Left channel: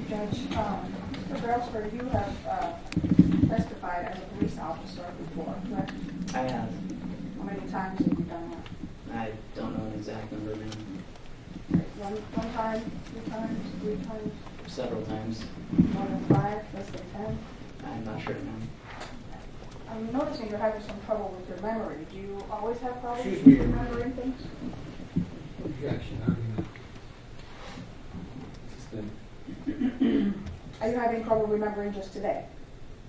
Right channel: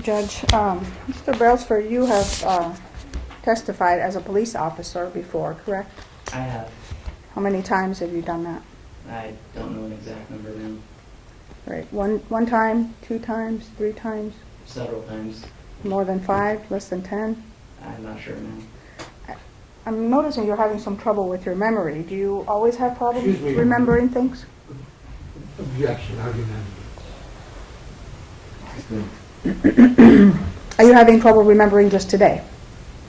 you, Judge. Mr. Brailsford, you have testified as a police officer before, correct? I have. How many times have you done that? I don't know an exact number, ma'am. Right. One time, 2 times, 3 times, Several times. more than 5, less than 10? I'm not sure, ma'am. I'm noticing you're having some trouble with your memory. Do you always have problems Excuse me. remembering things? Objection, argument. Are you having trouble remembering just today?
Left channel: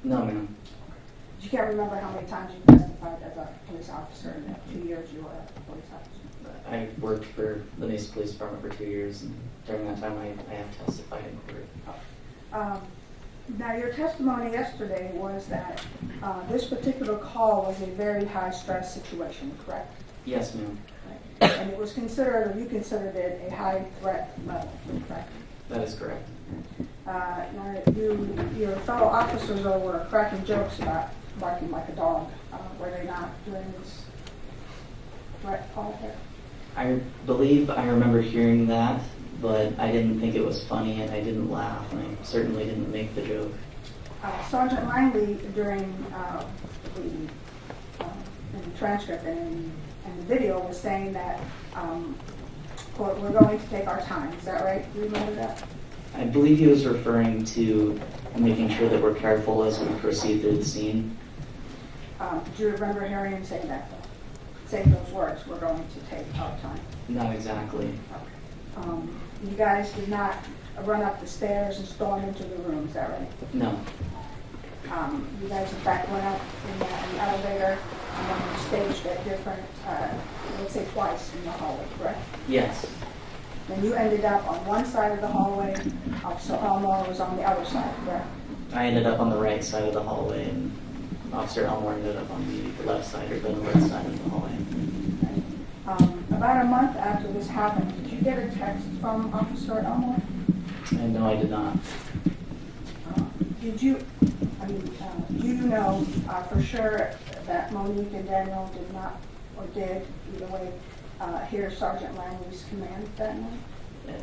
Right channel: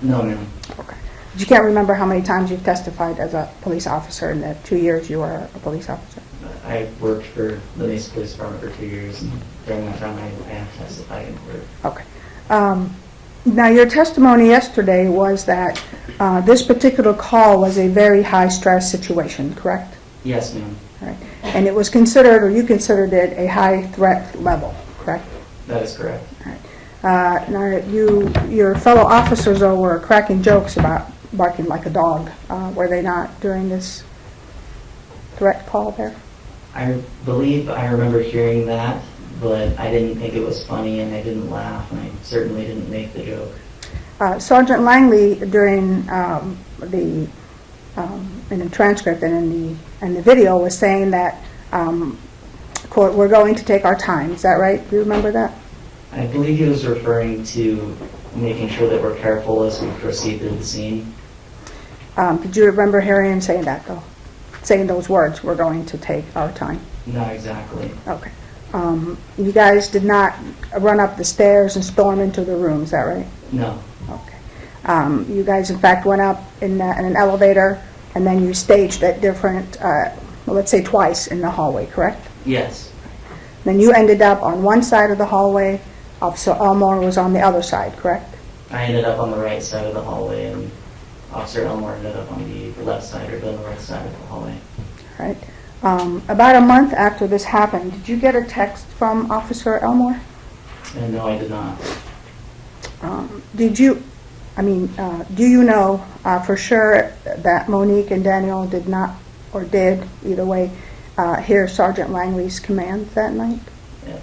No, ma'am. Okay. You can't remember how many times you've testified as a police officer in the 2 years you were a police officer? I worked for the Mesa Police Department for 2 years, and during that time I have testified in court. Okay. Now, your testimony yesterday was that this particular call was a very high-stress situation, correct? Yes, ma'am. All right. And it was considered, or you considered it, a high-threat level, correct? That is correct. All right. Now, your fellow officers, though, were cracking jokes about barking like a dog. Were they not during this threat call there? I believe I remember hearing that, but I didn't think it was funny, and I didn't laugh, and I certainly didn't make the joke. Sergeant Langley, during in the transcript and in the video, was saying that, quote, "We're going to take our time." Is that right? Do you remember that? I believe he was referring to making sure that we're careful as we proceed through the scene. Did you remember hearing him saying that, though? Saying those words, "We're going to take our time"? Not exactly. Okay. You guys did not run up the stairs and storm into the room, is that right? No. Okay. You guys, in fact, went up in an elevator, and then you staged at different, let's say twice in the hallway, correct? Yes. Then you ended up on one side of the hallway, Officer Elmore was on the other side, correct? I ended up on the right side of the hallway, and Officer Elmore ended up on the left side or the north side of the hallway. All right. About a month after this happened, did you get a text from Officer Elmore? And no, I did not. Do you know for sure that Monique and Daniel did not, or did, either way, hear Sergeant Langley's commands that night?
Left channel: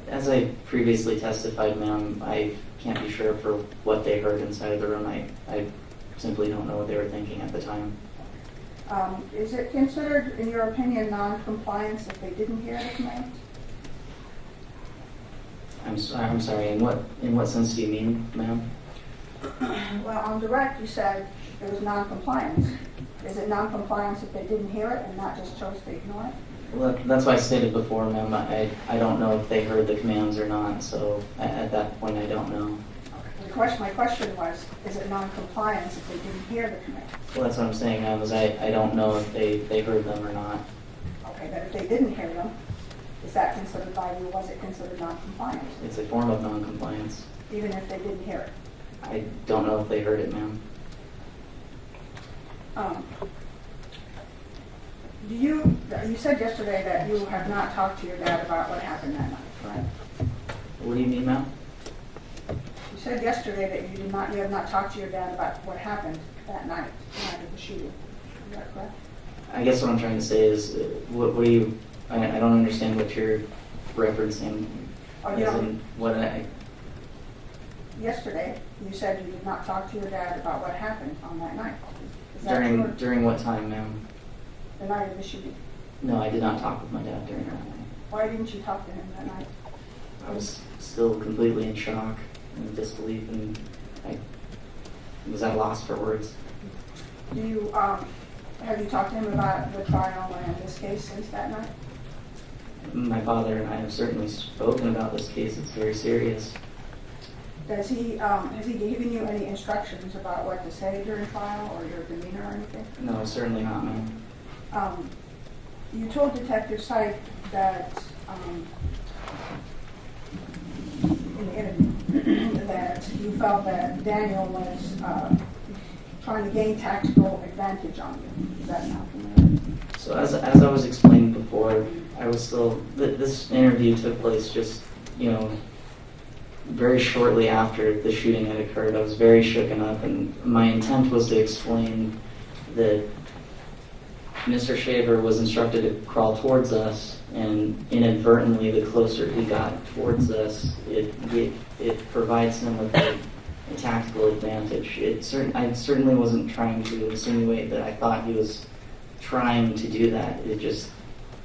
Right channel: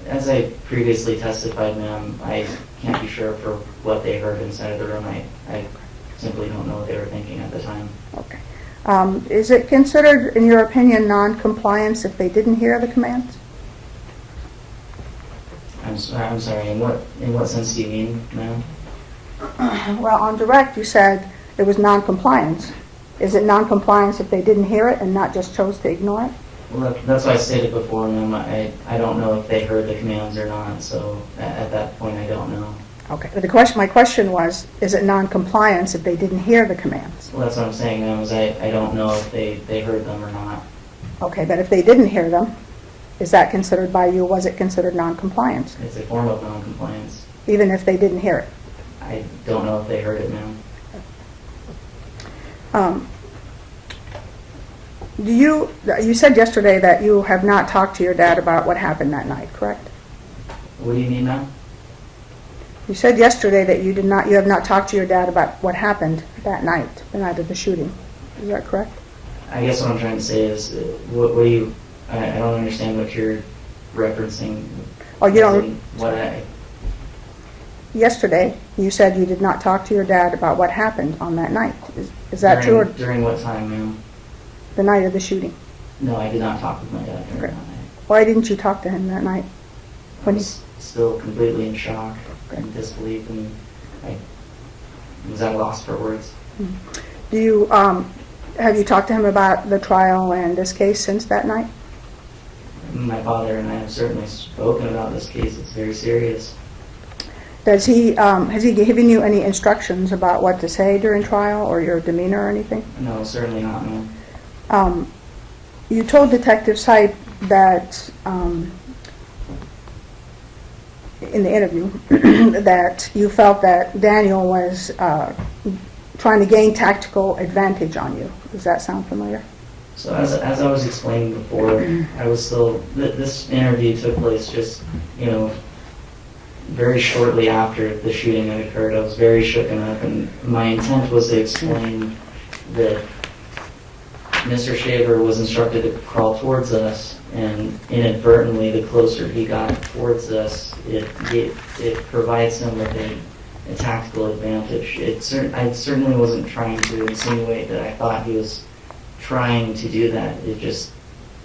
As I previously testified, ma'am, I can't be sure for what they heard inside of the room. I simply don't know what they were thinking at the time. Okay. Is it considered, in your opinion, non-compliance if they didn't hear the commands? I'm sorry, in what sense do you mean, ma'am? Well, on direct, you said it was non-compliance. Is it non-compliance if they didn't hear it and not just chose to ignore it? Well, that's what I stated before, ma'am. I don't know if they heard the commands or not, so at that point I don't know. Okay. But my question was, is it non-compliance if they didn't hear the commands? Well, that's what I'm saying, ma'am, is I don't know if they heard them or not. Okay, but if they didn't hear them, is that considered by you, was it considered non-compliance? It's a form of non-compliance. Even if they didn't hear it? I don't know if they heard it, ma'am. You said yesterday that you have not talked to your dad about what happened that night, correct? What do you mean, ma'am? You said yesterday that you have not talked to your dad about what happened that night, the night of the shooting. Is that correct? I guess what I'm trying to say is, what do you, I don't understand what you're referencing. Oh, you don't? Yesterday, you said you did not talk to your dad about what happened on that night. Is that true? During what time, ma'am? The night of the shooting. No, I did not talk with my dad during that night. Why didn't you talk to him that night? I was still completely in shock and disbelief, and I was at a loss for words. Do you have you talked to him about the trial and this case since that night? My father and I have certainly spoken about this case. It's very serious. Has he given you any instructions about what to say during trial or your demeanor or anything? No, certainly not, ma'am. You told Detective Sipe that in the interview that you felt that Daniel was trying to gain tactical advantage on you. Does that sound familiar? So as I was explaining before, I was still, this interview took place just, very shortly after the shooting had occurred. I was very shooken up, and my intent was to explain that Mr. Shaver was instructed to crawl towards us, and inadvertently, the closer he got towards us, it provides him with a tactical advantage. I certainly wasn't trying to insinuate that I thought he was trying to do that. It just,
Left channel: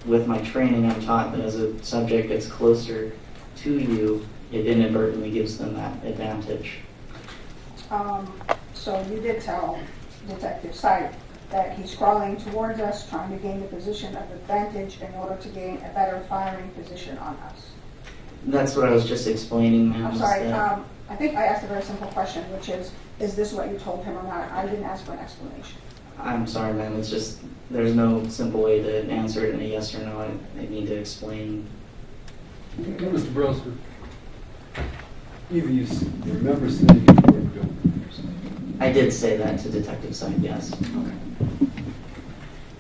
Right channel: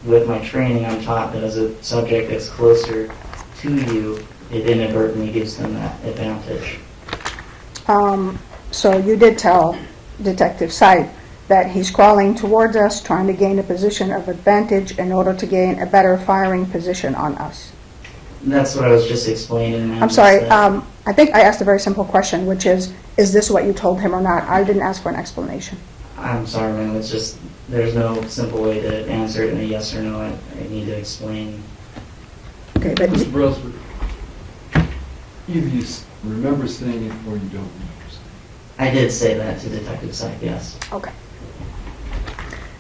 with my training, I'm taught that as a subject gets closer to you, it inadvertently gives them that advantage. So you did tell Detective Sipe that he's crawling towards us, trying to gain a position of advantage in order to gain a better firing position on us. That's what I was just explaining, ma'am. I'm sorry, I think I asked a very simple question, which is this what you told him or not? I didn't ask for an explanation. I'm sorry, ma'am. It's just, there's no simple way to answer it in a yes or no. I need to explain. Okay, but Mr. Brailsford, either you remember saying it or you don't remember saying I did say that to Detective Sipe, yes. okay.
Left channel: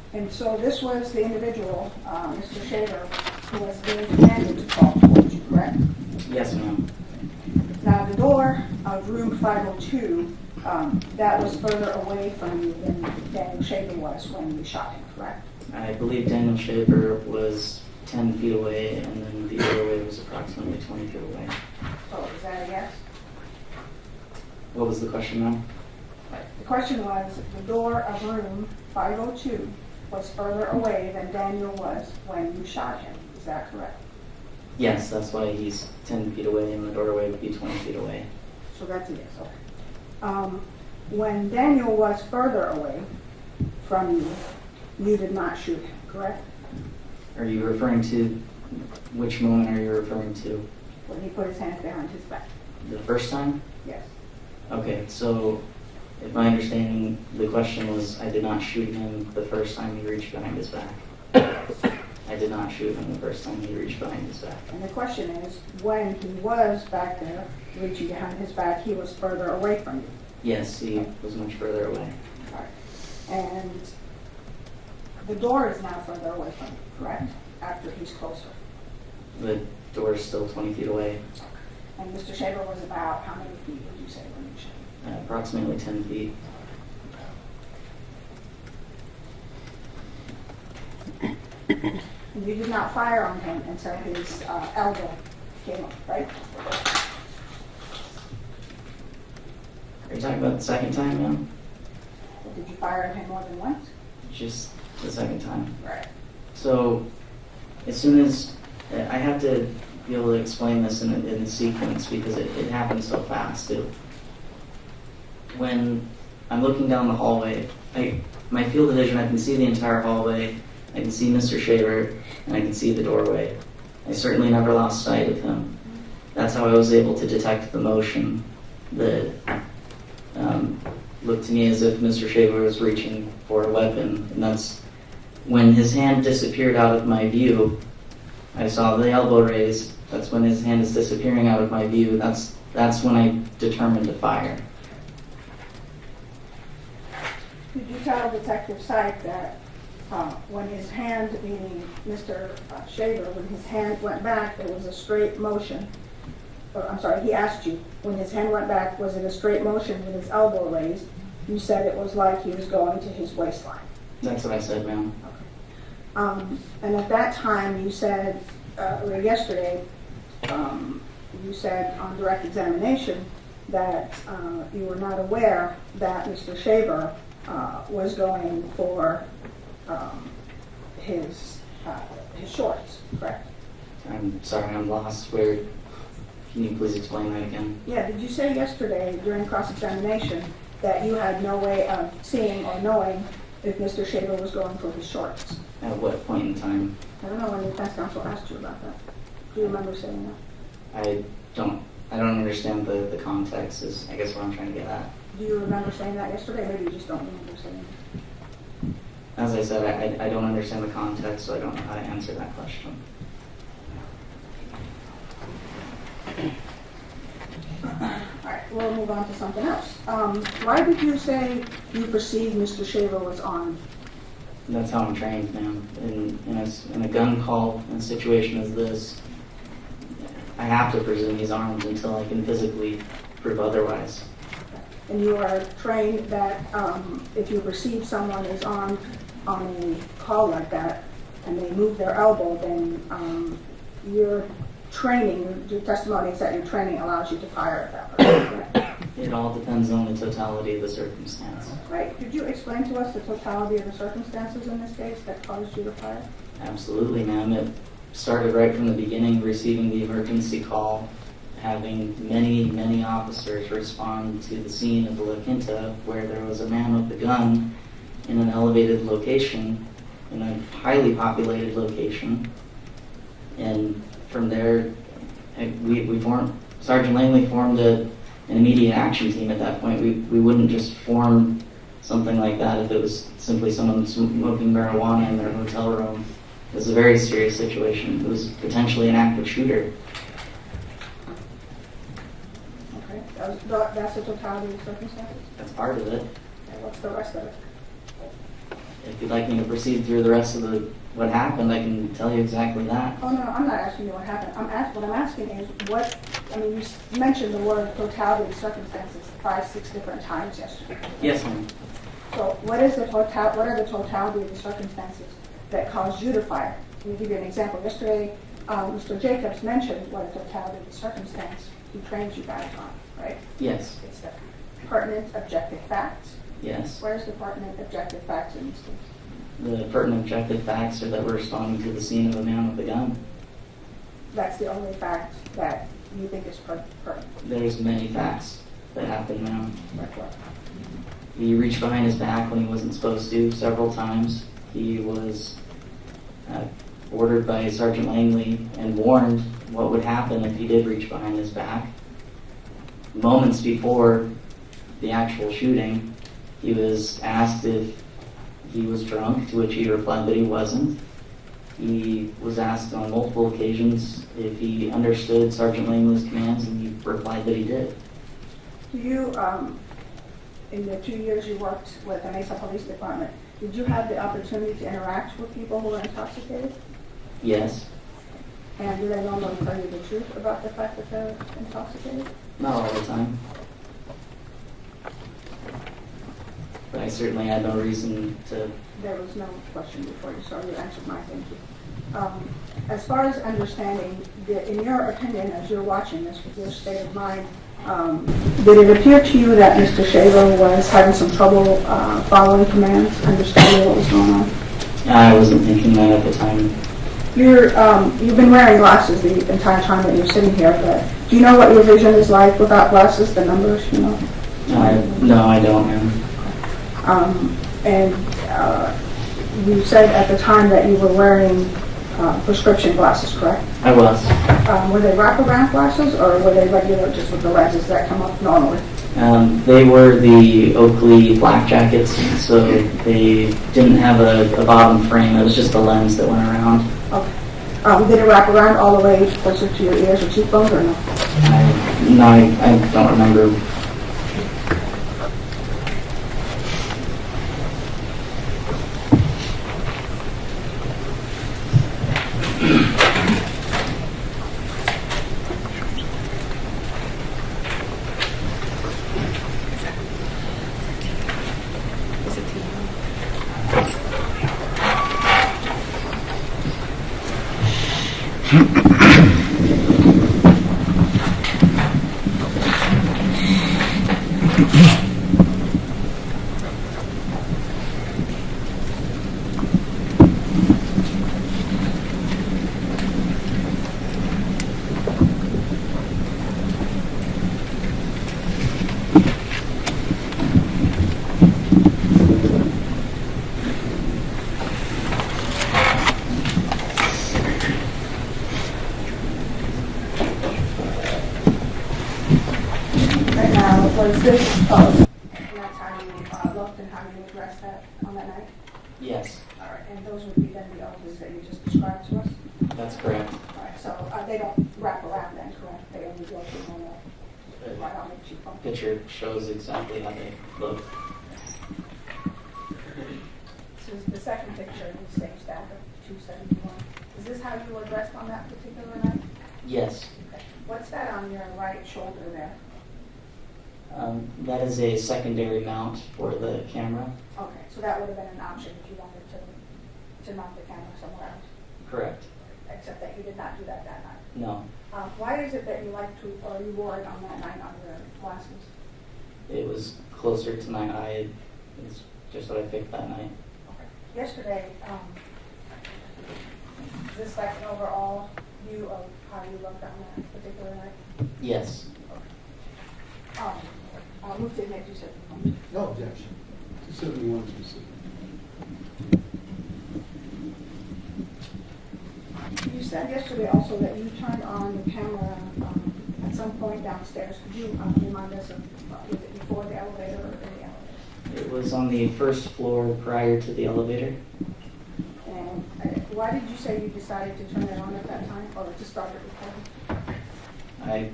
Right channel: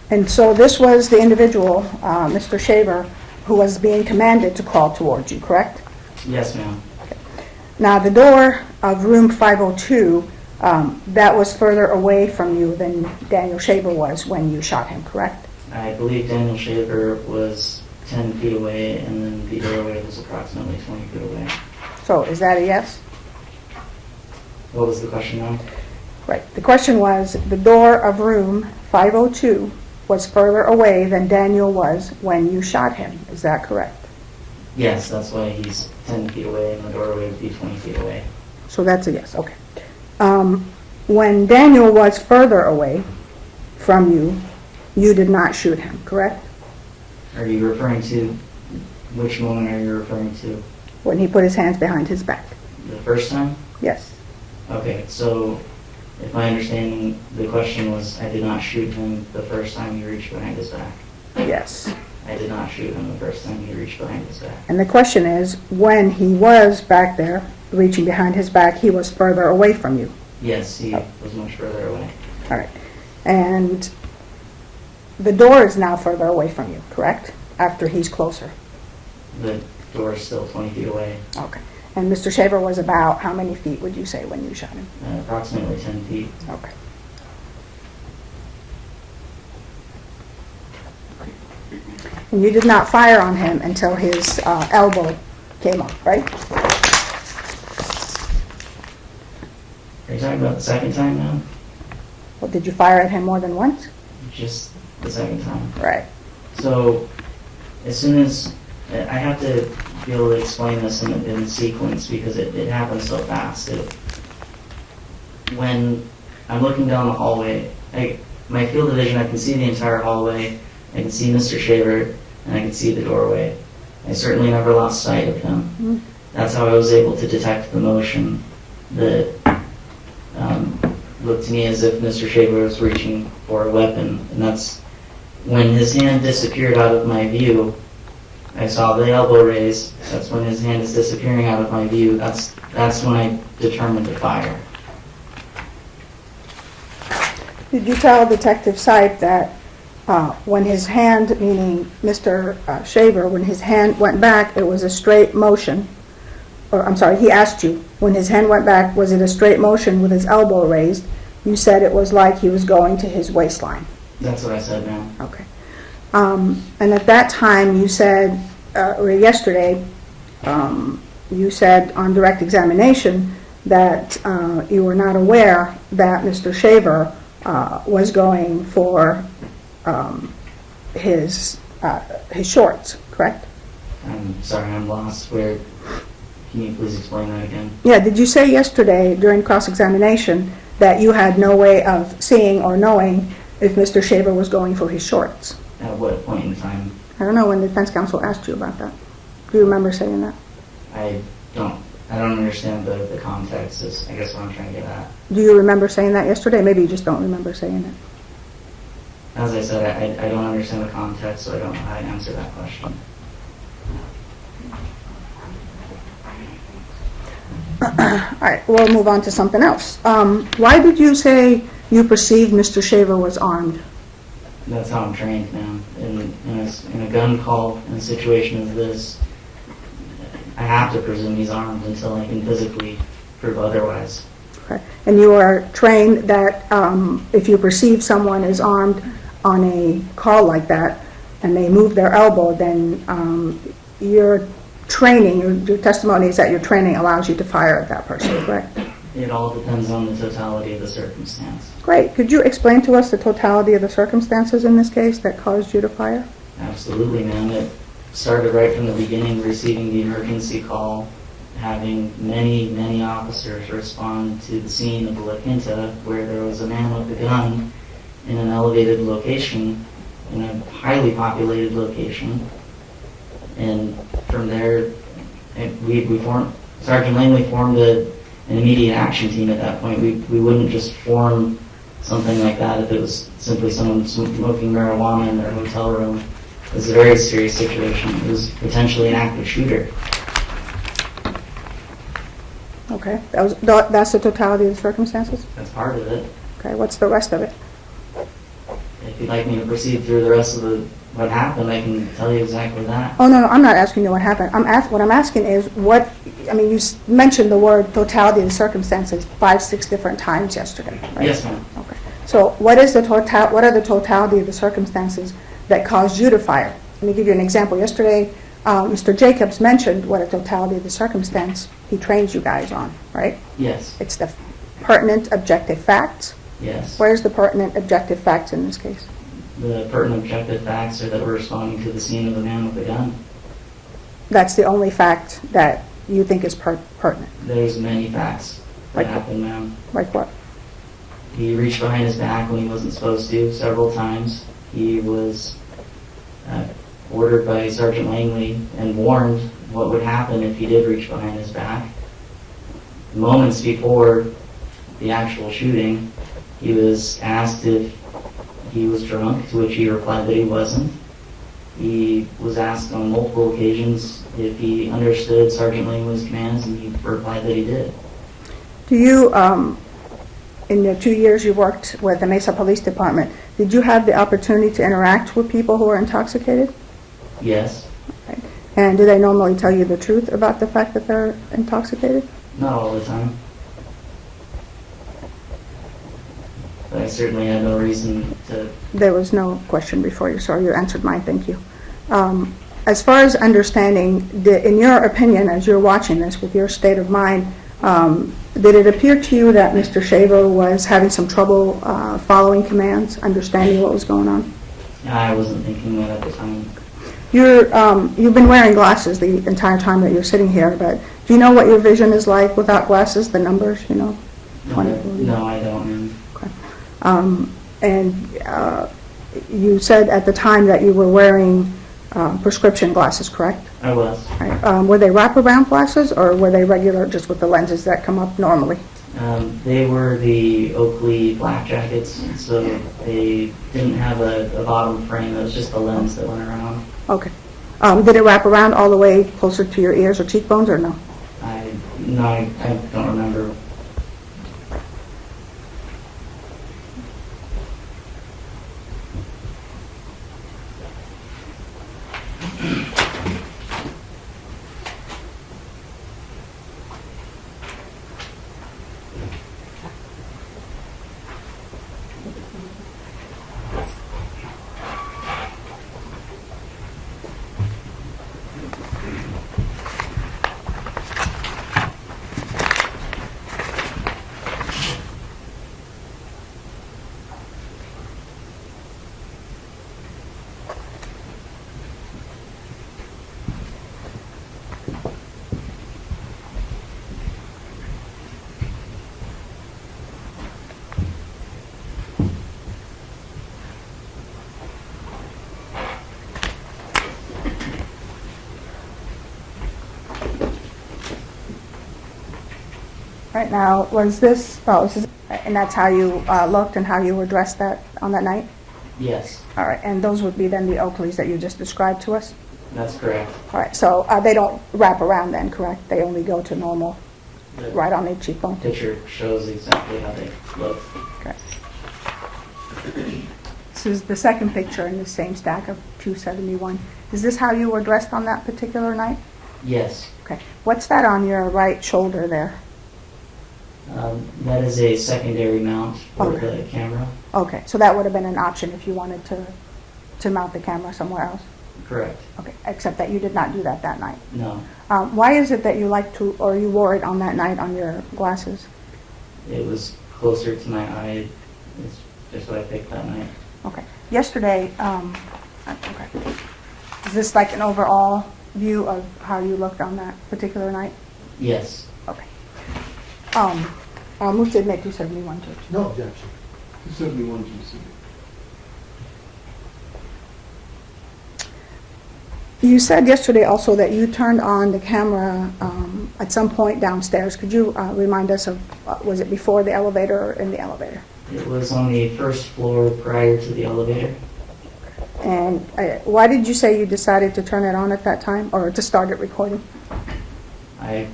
And so this was the individual, Mr. Shaver, who was being commanded to crawl towards you, correct? Yes, ma'am. Now, the door of room 502, that was further away from you than Daniel Shaver was when you shot him, correct? I believe Daniel Shaver was 10 feet away, and then the doorway was approximately 20 feet away. So is that a yes? What was the question, ma'am? Right. The question was, the door of room 502 was further away than Daniel was when you shot him. Is that correct? Yes, that's why he's 10 feet away, and the doorway would be 20 feet away. So that's a yes, okay. When Daniel was further away from you, you did not shoot him, correct? Are you referring to, which moment are you referring to? When he put his hands behind his back. The first time? Yes. Okay, so if my understanding, the question was, I did not shoot him the first time he reached behind his back. Yes. I did not shoot him the first time he reached behind his back. And the question is, when he was back there, reaching behind his back, he was further away from you. Yes, he was much further away. All right. And the door is now further away from you, correct? After he's closer. The door is still 20 feet away, Okay. And Mr. Shaver was about how many feet would you say when you shot him? approximately 10 feet. Okay. And you did not fire on him until his elbow came up, right? Are you talking about the second time now? Or did you fire at him more than once? Just the second time. Right. So, as soon as, I have to be able to explain this in sequence because it happens so fast. When I'm looking down the hallway, my field of vision, I can see the entire hallway, I can see Mr. Shaver, and I can see the doorway. I certainly never lost sight of him. Mm-hmm. That's how I was able to detect the motion that looked to me as if Mr. Shaver was reaching for a weapon. And that's when his hand disappeared out of my view. I saw the elbow raise. That's when his hand is disappearing out of my view. That's when I determined to fire. Did you tell Detective Sipe that when his hand, meaning Mr. Shaver, when his hand went back, it was a straight motion? Or I'm sorry, he asked you, when his hand went back, was it a straight motion with his elbow raised? You said it was like he was going to his waistline. That's what I said, ma'am. Okay. And at that time, you said, or yesterday, you said on direct examination that you were not aware that Mr. Shaver was going for his shorts, correct? I'm sorry, I'm lost. Can you please explain that again? Yeah, did you say yesterday during cross-examination that you had no way of seeing or knowing if Mr. Shaver was going for his shorts? At what point in time? I don't know when the defense counsel asked you about that. Do you remember saying that? I don't understand the context is, I guess, what I'm trying to get at. Do you remember saying that yesterday? Maybe you just don't remember saying it. As I said, I don't understand the context, so I don't know how to answer that question. All right, we'll move on to something else. Why did you say you perceived Mr. Shaver was armed? That's how I'm trained, ma'am. In a gun call, in a situation as this, I have to presume he's armed until I can physically prove otherwise. Okay. And you are trained that if you perceive someone is armed, on a call like that and they move their elbow, then your training, your testimony is that your training allows you to fire at that person, correct? It all depends on the totality of the circumstance. Great. Could you explain to us the totality of the circumstances in this case that caused you to fire? Absolutely, ma'am. It started right from the beginning, receiving the emergency call, having many officers respond to the scene of La Quinta where there was a man with a gun in an elevated location, in a highly populated location. And from there, Sergeant Langley formed an immediate action team at that point. We wouldn't just form something like that if it was simply someone smoking marijuana in their hotel room. It was a very serious situation. It was potentially an active shooter. Okay. That's the totality of the circumstances? That's part of it. Okay. What's the rest of it? If you'd like me to proceed through the rest of what happened, I can tell you exactly that. Oh, no, I'm not asking you what happened. What I'm asking is you mentioned the word totality of the circumstances 5-6 different times yesterday, right? Yes, ma'am. Okay. So what are the totality of the circumstances that caused you to fire? Let me give you an example. Yesterday, Mr. Jacobs mentioned what a totality of the circumstance he trains you guys on, right? Yes. It's the pertinent objective facts. Yes. Where's the pertinent objective facts in this case? The pertinent objective facts are that we're responding to the scene of a man with a gun. That's the only fact that you think is pertinent. There's many facts that happened, ma'am. Like what? He reached behind his back when he wasn't supposed to several times. He was ordered by Sergeant Langley and warned what would happen if he did reach behind his back. Moments before the actual shooting, he was asked if he was drunk, to which he replied that he wasn't. He was asked on multiple occasions if he understood Sergeant Langley's commands, and he replied that he did. Do you, in the 2 years you worked with the Mesa Police Department, did you have the opportunity to interact with people who are intoxicated? Yes. Okay. And do they normally tell you the truth about the fact that they're intoxicated? Not all the time. But I certainly had no reason to. There was no question before you, so you answered mine, thank you. As far as understanding, in your opinion, as you're watching this with your state of mind, did it appear to you that Mr. Shaver was having some trouble following commands, understanding what was going on? I wasn't thinking that at the time. You've been wearing glasses the entire time that you're sitting here, but do you know what your vision is like without glasses, the numbers, you know? No, I don't, ma'am. And you said at the time that you were wearing prescription glasses, correct? I was. Were they wraparound glasses, or were they regular, just with the lenses that come up normally? They were the Oakley black jackets, so they didn't have a bottom frame. It was just the lens that went around. Okay. Did it wrap around all the way closer to your ears or cheekbones, or no? I don't remember. Right now, was this, and that's how you looked and how you were dressed on that night? Yes, All right, and those would be then the Oakleys that you just described to us? that's correct. All right, so they don't wrap around then, correct? They only go to normal, The right on the cheekbone? picture shows exactly how they look. Okay. This is the second picture in the same stack of 271. Is this how you were dressed on that particular night? Yes, Okay. What's that on your right shoulder there? That is a secondary mount for Okay. the camera. Okay, so that would have been an option if you wanted to mount the camera somewhere else? Correct. Okay, except that you did not do that night. No, Why is it that you like to, or you wore it on that night on your glasses? it was closer to my eye. It's just what I picked that night. Okay. Yesterday, okay. Is this like an overall view of how you looked on that particular night? Yes. Okay. I'll move to admit 271. No objection. 271, 270. You said yesterday also that you turned on the camera at some point downstairs. Could you remind us of, was it before the elevator or in the elevator? It was on the first floor prior to the elevator. And why did you say you decided to turn it on at that time or to start it recording? I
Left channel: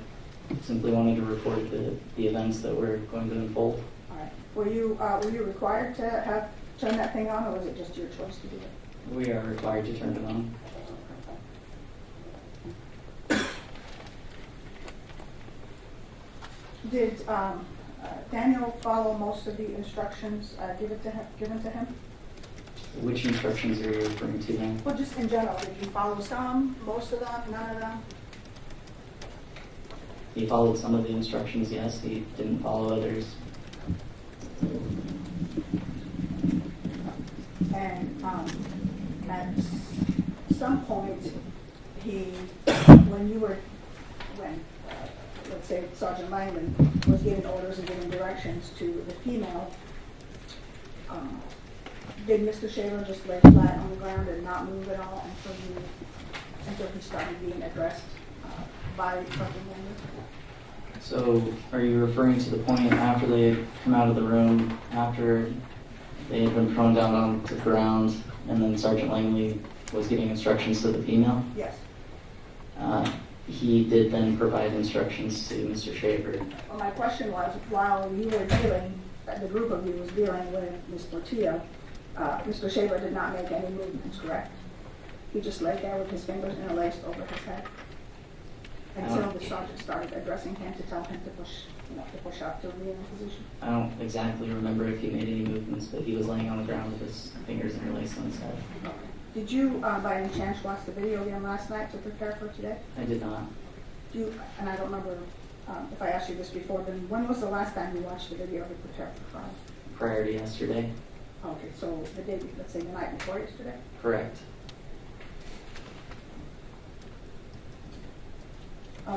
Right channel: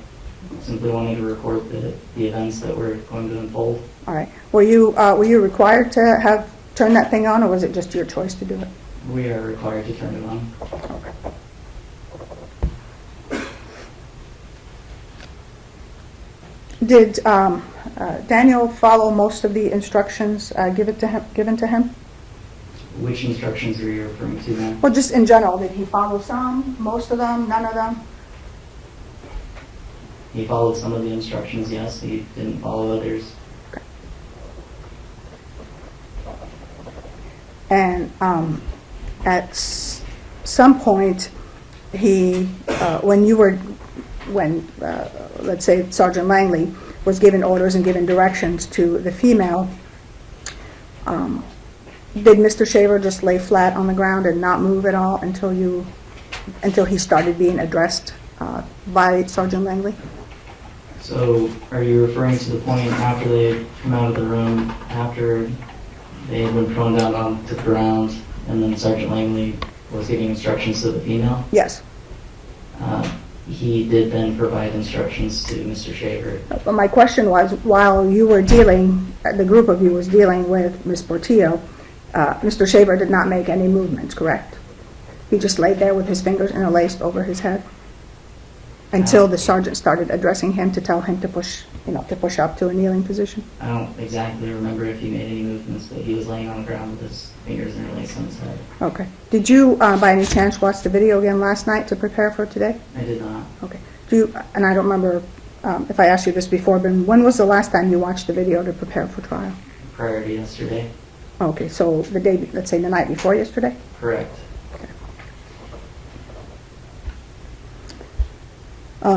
simply wanted to record the events that were going to unfold. All right. Were you required to have turned that thing on, or was it just your choice to do it? We are required to turn it on. Did Daniel follow most of the instructions given to him? Which instructions are you referring to, ma'am? Well, just in general, did he follow some, most of them, none of them? He followed some of the instructions, yes. He didn't follow others. And at some point, when let's say Sergeant Langley was giving orders and giving directions to the female, did Mr. Shaver just lay flat on the ground and not move at all until he started being addressed by Sergeant Langley? So are you referring to the point after they had come out of the room, after they had been thrown down onto the ground, and then Sergeant Langley was giving instructions to the female? Yes. He did then provide instructions to Mr. Shaver. But my question was, while you were dealing, the group of you was dealing with Ms. Portillo, Mr. Shaver did not make any movements, correct? He just laid there with his fingers interlaced over his head until the sergeant started addressing him to tell him to push up to a kneeling position. I don't exactly remember if he made any movements, but he was laying on the ground with his fingers interlaced on his head. Okay. Did you, by any chance, watch the video again last night to prepare for today? I did not. Okay. And I don't remember if I asked you this before, but when was the last time you watched the video to prepare for trial? Prior to yesterday? Okay, so the day, let's say the night before yesterday? Correct.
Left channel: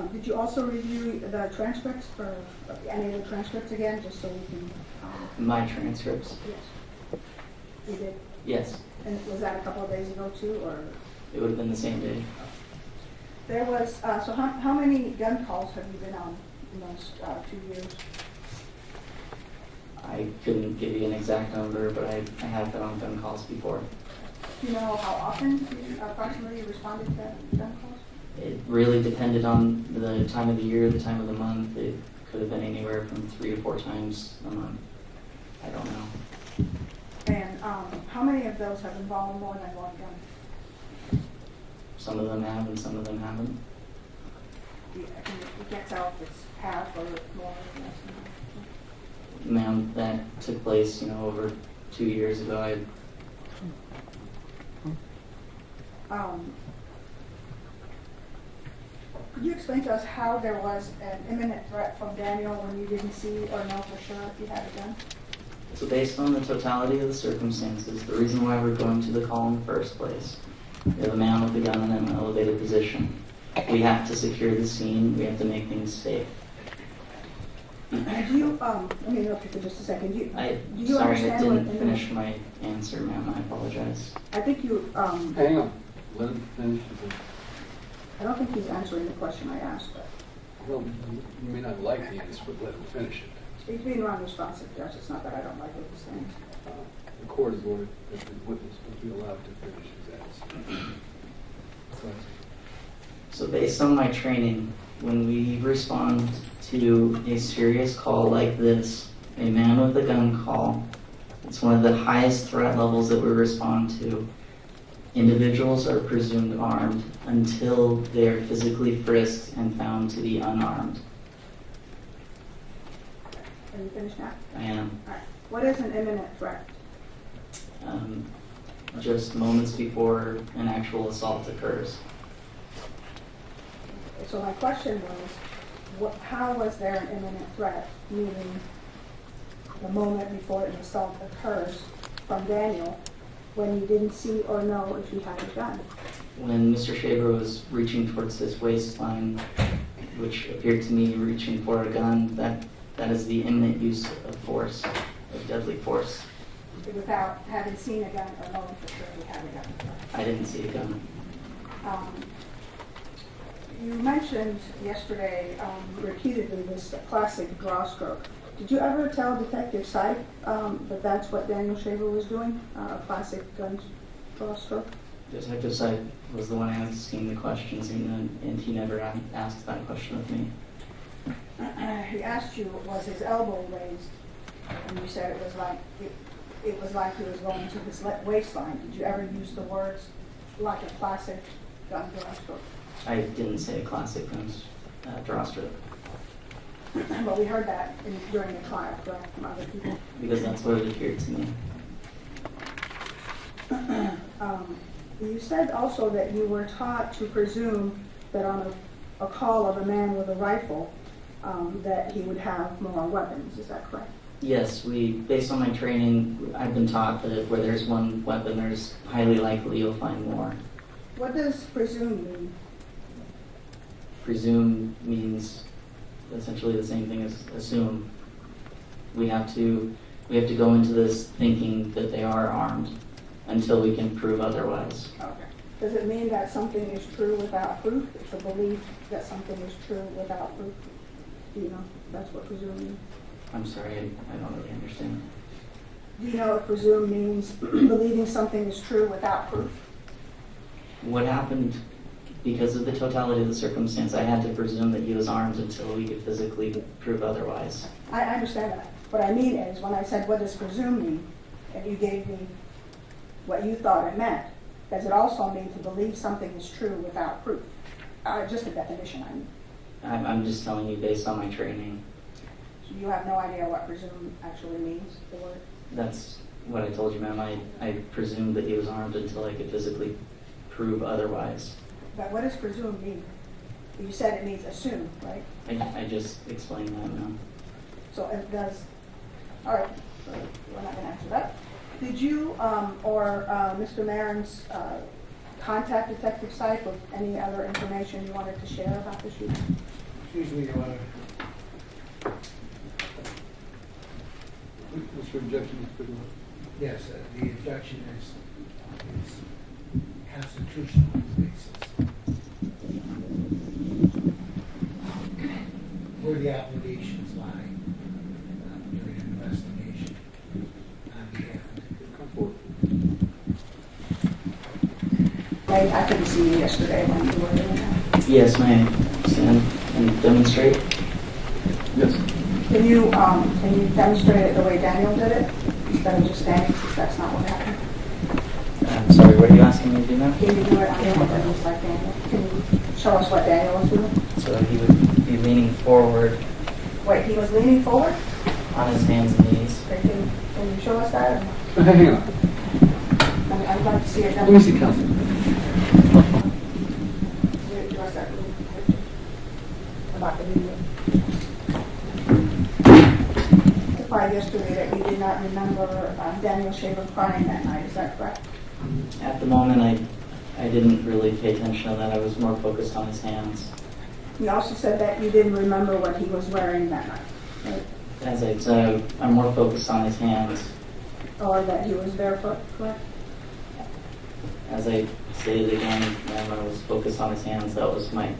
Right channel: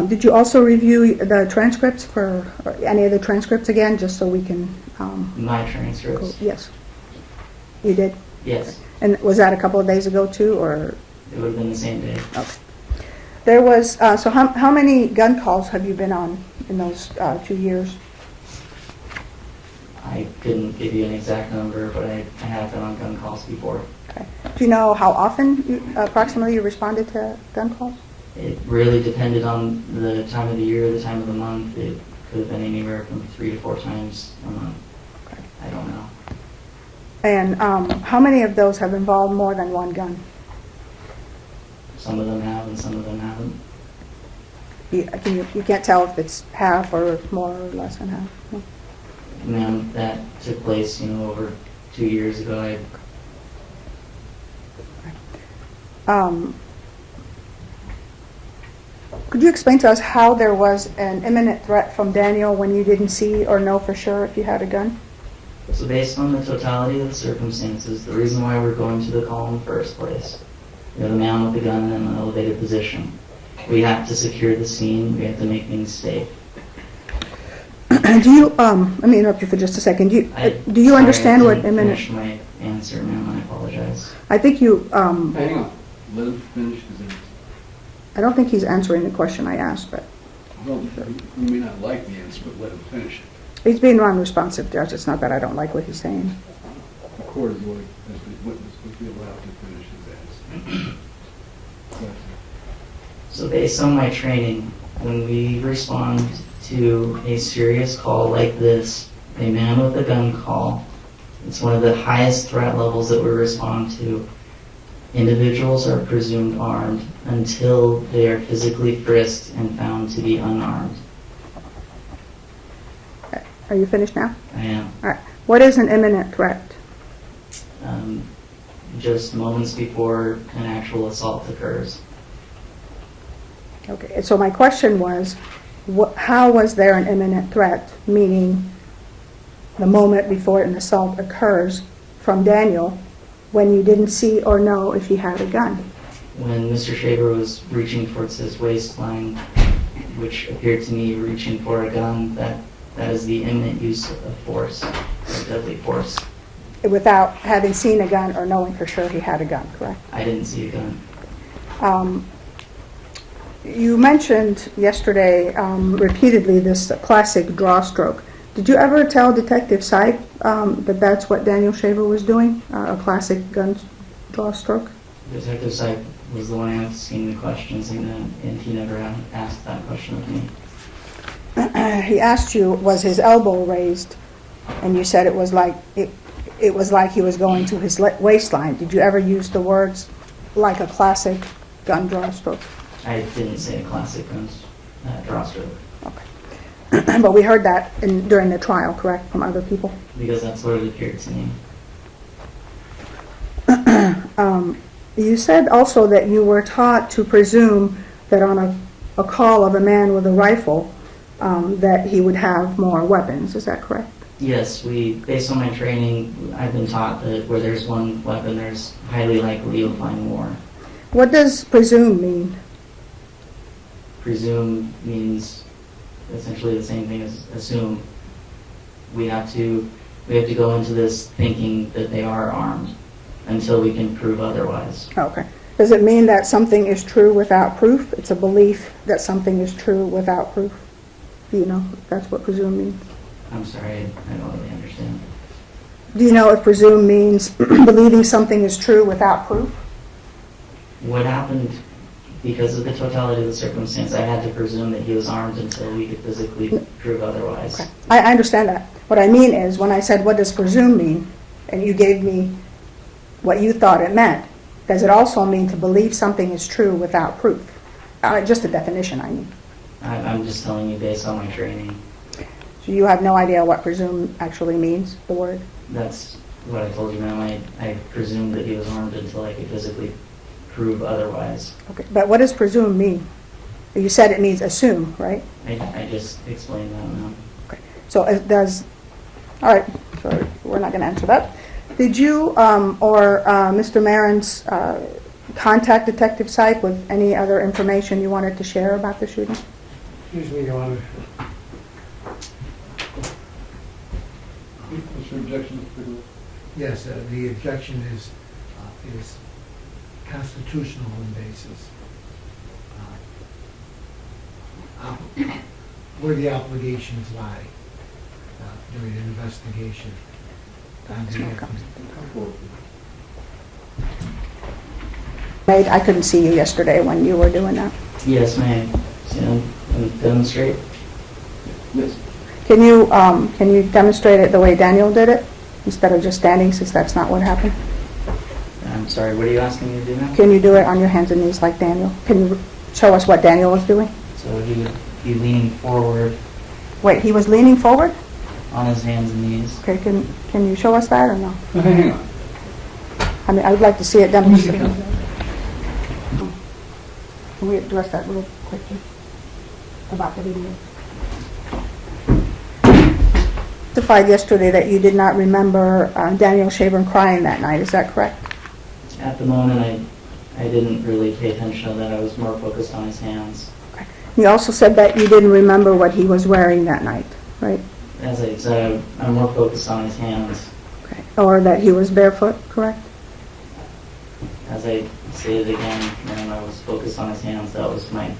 Did you also review the transcripts for any of the transcripts again, just so we can? My transcripts? Yes. You did? Yes. And was that a couple of days ago too, or? It would have been the same day. Okay. There was, so how many gun calls have you been on in those 2 years? I couldn't give you an exact number, but I have been on gun calls before. Okay. Do you know how often approximately you responded to gun calls? It really depended on the time of the year, the time of the month. It could have been anywhere from 3 to 4 times a month. Okay. I don't know. And how many of those have involved more than one gun? Some of them have and some of them haven't. You can't tell if it's half or more or less than half? No? Ma'am, that took place, over 2 years ago. Could you explain to us how there was an imminent threat from Daniel when you didn't see or know for sure if you had a gun? So based on the totality of the circumstances, the reason why we're going to the call in the first place, the man with the gun in an elevated position, we have to secure the scene, we have to make things safe. Do you, let me interrupt you for just a second. Do you understand what imminent? I didn't finish my answer, ma'am, I apologize. I think you, Hang on, let him finish. I don't think he's answering the question I asked, but Well, you may not like the answer, but let him finish it. he's being non-responsive, Judge. It's not that I don't like what he's saying. The court is going, as the witness, would be allowed to finish his answer. Go ahead. So based on my training, when we respond to a serious call like this, a man with a gun call, it's one of the highest threat levels that we respond to. Individuals are presumed armed until they are physically frisked and found to be unarmed. Are you finished now? I am. All right. What is an imminent threat? Just moments before an actual assault occurs. Okay, so my question was, how was there an imminent threat, meaning the moment before an assault occurs, from Daniel when you didn't see or know if he had a gun? When Mr. Shaver was reaching towards his waistline, which appeared to me reaching for a gun, that is the imminent use of force, of deadly force. Without having seen a gun or knowing for sure he had a gun, correct? I didn't see a gun. You mentioned yesterday repeatedly this classic draw stroke. Did you ever tell Detective Sype that that's what Daniel Shaver was doing, a classic gun draw stroke? Detective Sype was the one asking the questions, and he never asked that question of me. He asked you, was his elbow raised? And you said it was like it was like he was going to his waistline. Did you ever use the words like a classic gun draw stroke? I didn't say a classic gun draw stroke. Okay. But we heard that during the trial, correct, from other people? Because that's what it appeared to me. You said also that you were taught to presume that on a call of a man with a rifle, that he would have more weapons. Is that correct? Yes, based on my training, I've been taught that where there's one weapon, there's highly likely you'll find more. What does presume mean? Presume means essentially the same thing as assume. We have to go into this thinking that they are armed until we can prove otherwise. Okay. Does it mean that something is true without proof? It's a belief that something is true without proof. Do you know if that's what presume means? I'm sorry, I don't really understand. Do you know if presume means believing something is true without proof? What happened, because of the totality of the circumstance, I had to presume that he was armed until we could physically prove otherwise. Okay. I understand that. What I mean is, when I said, what does presume mean? And you gave me what you thought it meant. Does it also mean to believe something is true without proof? Just a definition, I mean. I'm just telling you based on my training. So you have no idea what presume actually means, the word? That's what I told you, ma'am. I presumed that he was armed until I could physically prove otherwise. Okay, but what does presume mean? You said it means assume, right? I just explained that, ma'am. Okay, so it does, all right, so we're not going to answer that. Did you or Mr. Marins contact Detective Sype with any other information you wanted to share about the shooting? Excuse me, Your Honor. What's your objection, Mr. Bigelow? Yes, the objection is constitutional in basis. Where the obligations lie during an investigation. I couldn't see you yesterday when you were doing that. Yes, ma'am. Stand and demonstrate. Yes. Can you demonstrate it the way Daniel did it, instead of just standing, since that's not what happened? I'm sorry, what are you asking me to do now? Can you do it on your hands and knees like Daniel? Can you show us what Daniel was doing? So he would be leaning forward Wait, he was leaning forward? on his hands and knees. Okay, can you show us that or no? Hang on. I mean, I'd like to see it demonstrated. Mr. Can we address that real quick about the video? You testified yesterday that you did not remember Daniel Shaver crying that night. Is that correct? At the moment, I didn't really pay attention to that. I was more focused on his hands. You also said that you didn't remember what he was wearing that night, right? As I said, I'm more focused on his hands. Okay. Or that he was barefoot, correct? As I stated again, ma'am, I was focused on his hands. That was my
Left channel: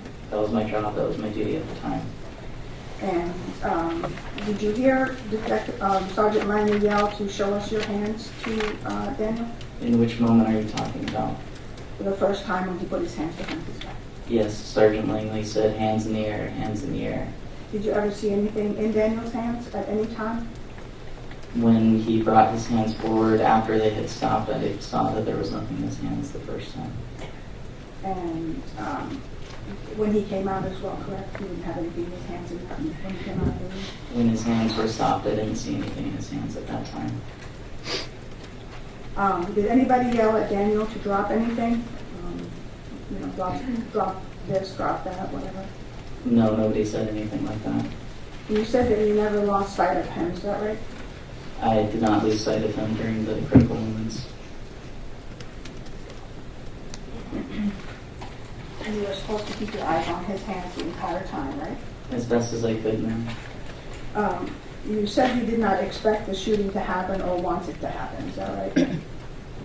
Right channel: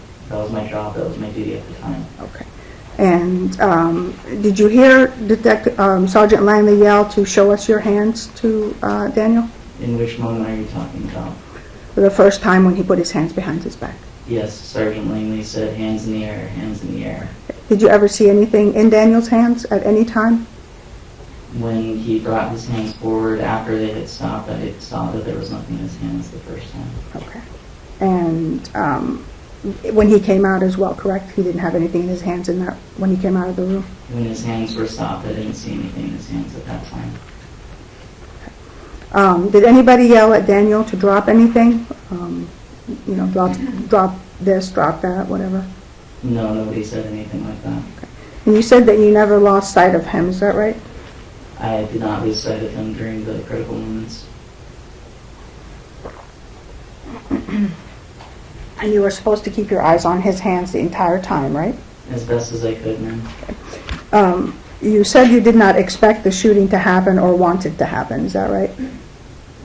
job. That was my duty at the time. Okay. And did you hear Sergeant Langley yell to show us your hands to Daniel? In which moment are you talking about? For the first time when he put his hands behind his back. Yes, Sergeant Langley said hands in the air, hands in the air. Did you ever see anything in Daniel's hands at any time? When he brought his hands forward after they had stopped, I saw that there was nothing in his hands the first time. Okay. And when he came out as well, correct? He didn't have anything in his hands in that, when he came out of the room? When his hands were stopped, I didn't see anything in his hands at that time. Did anybody yell at Daniel to drop anything? Drop this, drop that, whatever? No, nobody said anything like that. And you said that you never lost sight of him, is that right? I did not lose sight of him during the critical moments. And you were supposed to keep your eyes on his hands the entire time, right? As best as I could, ma'am. You said you did not expect the shooting to happen or want it to happen, is that right?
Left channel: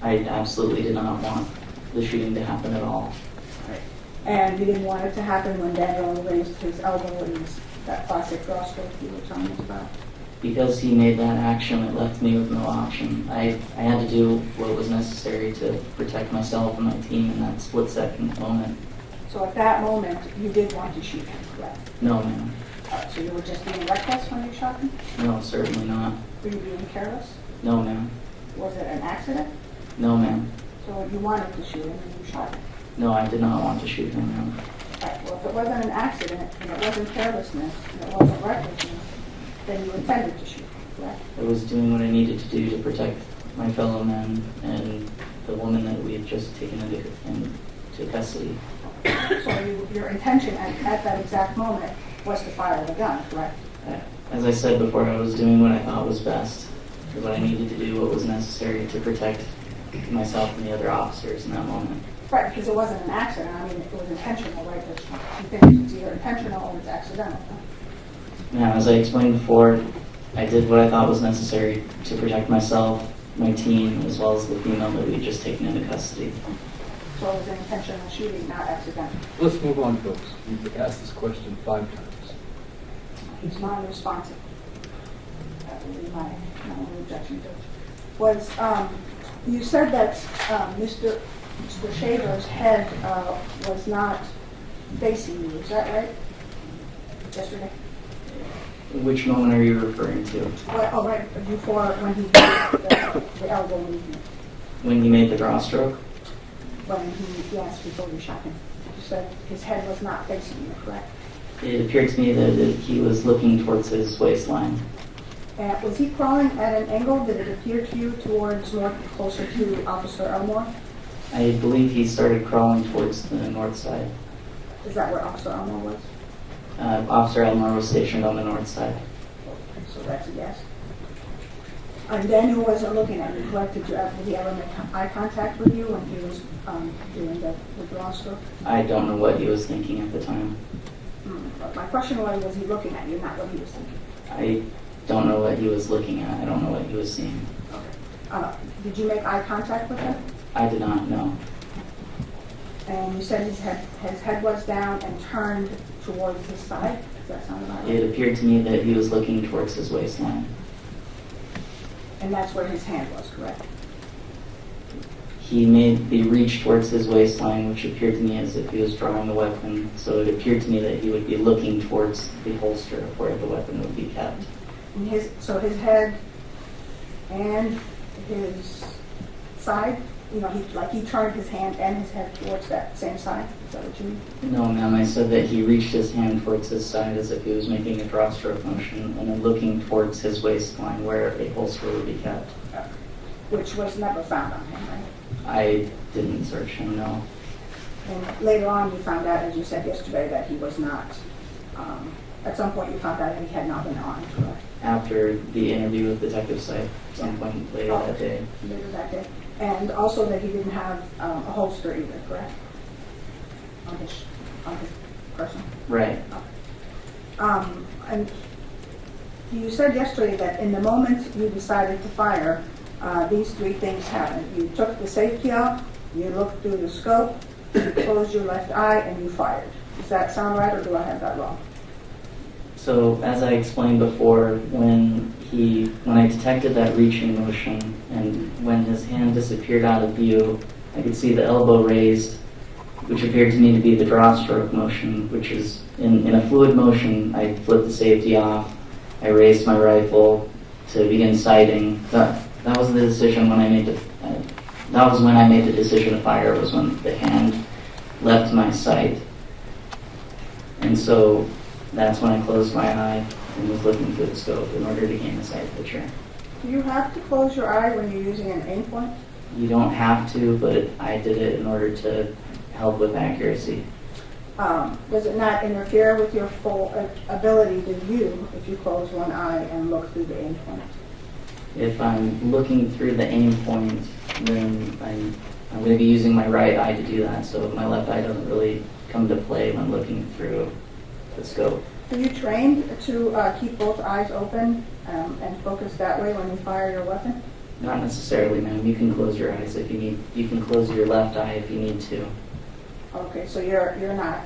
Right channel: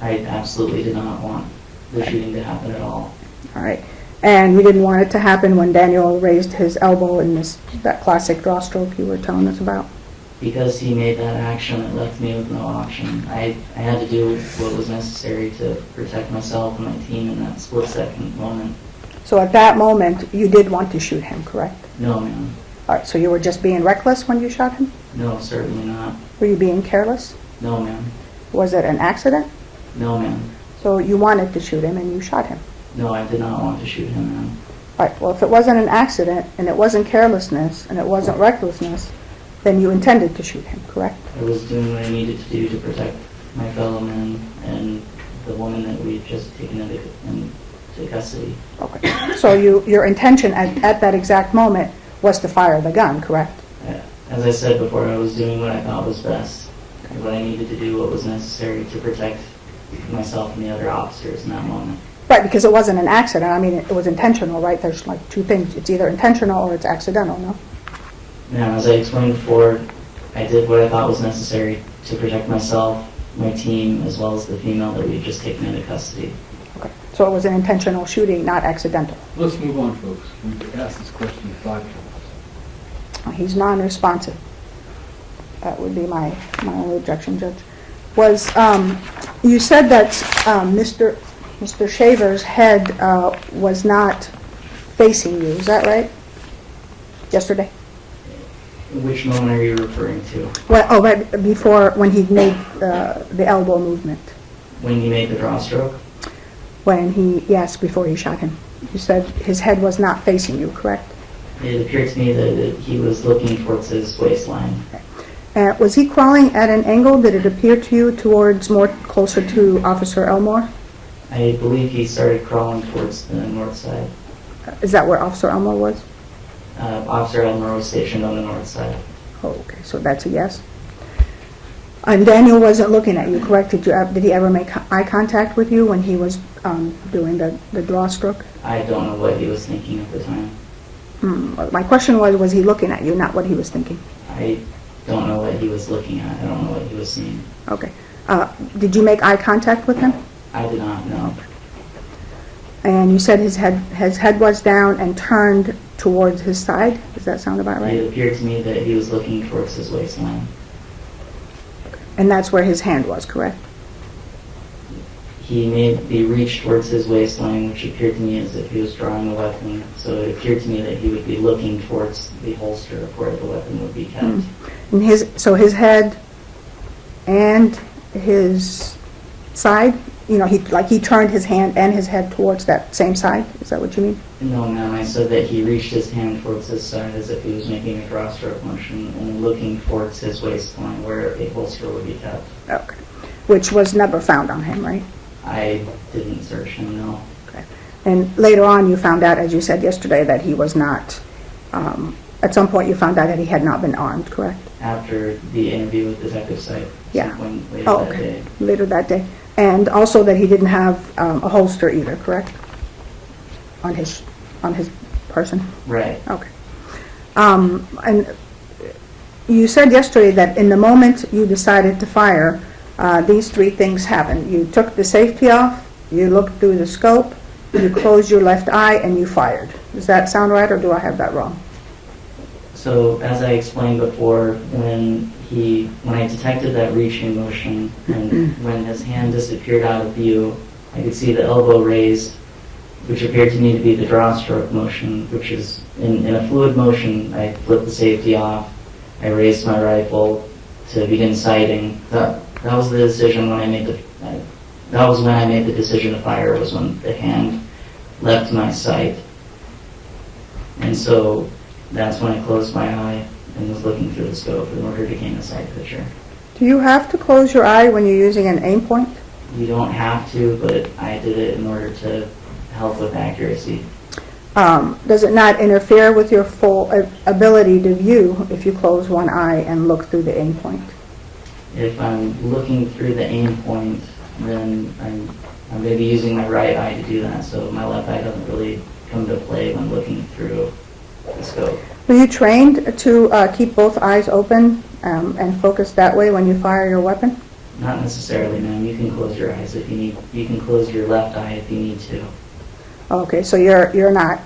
I absolutely did not want the shooting to happen at all. All right. And you didn't want it to happen when Daniel raised his elbow in that classic draw stroke you were telling us about? Because he made that action, it left me with no option. I had to do what was necessary to protect myself and my team in that split-second moment. So at that moment, you did want to shoot him, correct? No, ma'am. All right, so you were just being reckless when you shot him? No, certainly not. Were you being careless? No, ma'am. Was it an accident? No, ma'am. So you wanted to shoot him and you shot him? No, I did not want to shoot him, ma'am. All right, well, if it wasn't an accident and it wasn't carelessness and it wasn't recklessness, then you intended to shoot him, correct? I was doing what I needed to do to protect my fellow men and the woman that we had just taken into custody. Okay. So your intention at that exact moment was to fire the gun, correct? As I said before, I was doing what I thought was best, what I needed to do, what was necessary to protect myself and the other officers in that moment. Right, because it wasn't an accident. I mean, it was intentional, right? There's like two things. It's either intentional or it's accidental, no? Now, as I explained before, I did what I thought was necessary to protect myself, my team, as well as the female that we had just taken into custody. Okay. So it was an intentional shooting, not accidental. Let's move on, folks. We've asked this question 5 times. He's non-responsive. That would be my only objection, Judge. Was, you said that Mr. Shaver's head was not facing you, is that right? Yesterday? Which moment are you referring to? Well, right before, when he made the elbow movement. When he made the draw stroke? Yes, before you shot him. You said his head was not facing you, correct? It appeared to me that he was looking towards his waistline. Was he crawling at an angle? Did it appear to you towards more closer to Officer Elmore? I believe he started crawling towards the north side. Is that where Officer Elmore was? Officer Elmore was stationed on the north side. Oh, okay, so that's a yes. And Daniel wasn't looking at you, correct? Did he ever make eye contact with you when he was doing the draw stroke? I don't know what he was thinking at the time. My question was he looking at you, not what he was thinking? I don't know what he was looking at. I don't know what he was seeing. Okay. Did you make eye contact with him? I did not know. And you said his head was down and turned towards his side? Does that sound about right? It appeared to me that he was looking towards his waistline. And that's where his hand was, correct? He made the reach towards his waistline, which appeared to me as if he was drawing a weapon. So it appeared to me that he would be looking towards the holster of where the weapon would be kept. And so his head and his side, he turned his hand and his head towards that same side? Is that what you mean? No, ma'am. I said that he reached his hand towards his side as if he was making a draw stroke motion and then looking towards his waistline where a holster would be kept. Okay. Which was never found on him, right? I didn't search him, no. Okay. And later on you found out, as you said yesterday, that he was not, at some point you found out that he had not been armed, correct? After the interview with Detective Syke, Yeah. some point later that Okay. day. Later that day. And also that he didn't have a holster either, correct? On his person? Right. Okay. And you said yesterday that in the moment you decided to fire, these 3 things happened. You took the safety off, you looked through the scope, you closed your left eye, and you fired. Does that sound right, or do I have that wrong? So, as I explained before, when I detected that reaching motion and when his hand disappeared out of view, I could see the elbow raised, which appeared to me to be the draw stroke motion, which is in a fluid motion. I flipped the safety off, I raised my rifle to begin sighting. That was the decision when I made the decision to fire, was when the hand left my sight. And so that's when I closed my eye and was looking through the scope in order to gain a sight picture. Do you have to close your eye when you're using an aim point? You don't have to, but I did it in order to help with accuracy. Does it not interfere with your full ability to view if you close one eye and look through the aim point? If I'm looking through the aim point, then I'm going to be using my right eye to do that, so my left eye doesn't really come to play when looking through the scope. Were you trained to keep both eyes open and focus that way when you fire your weapon? Not necessarily, ma'am. You can close your eyes if you need. You can close your left eye if you need to. Okay, so you're not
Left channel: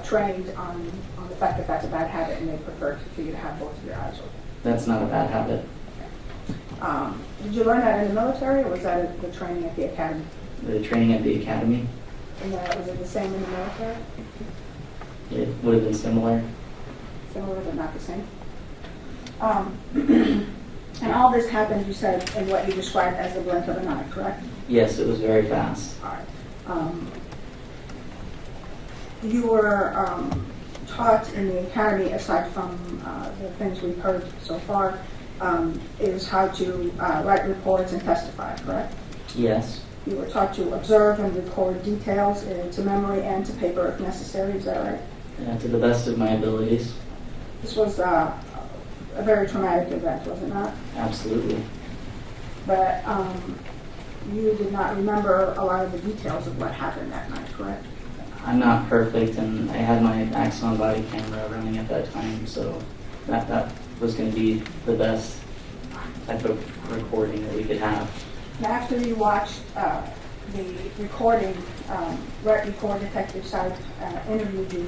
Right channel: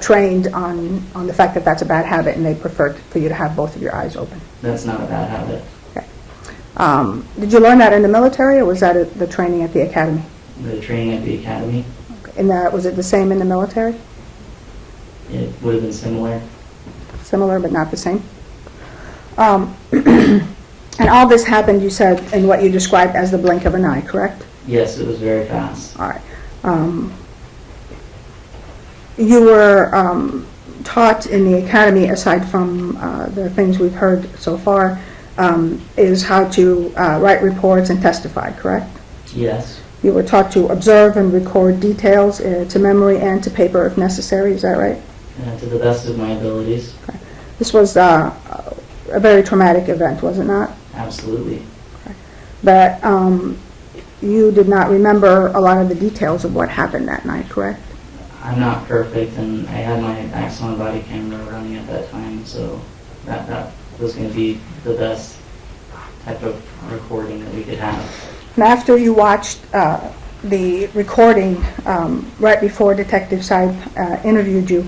trained on the fact that that's a bad habit, and they prefer for you to have both of your eyes open. That's not a bad habit. Okay. Did you learn that in the military, or was that at the training at the academy? The training at the academy, And was it the same in the military? it would have been similar. Similar, but not the same. And all this happened, you said, in what you described as the blink of an eye, correct? Yes, it was very fast. All right. You were taught in the academy, aside from the things we've heard so far, is how to write reports and testify, correct? Yes, You were taught to observe and record details to memory and to paper if necessary, is that right? to the best of my abilities. This was a very traumatic event, was it not? Absolutely. But you did not remember a lot of the details of what happened that night, correct? I'm not perfect, and I had my Axon body camera running at that time, so that was going to be the best type of recording that we could have. And after you watched the recording right before Detective Seib interviewed you,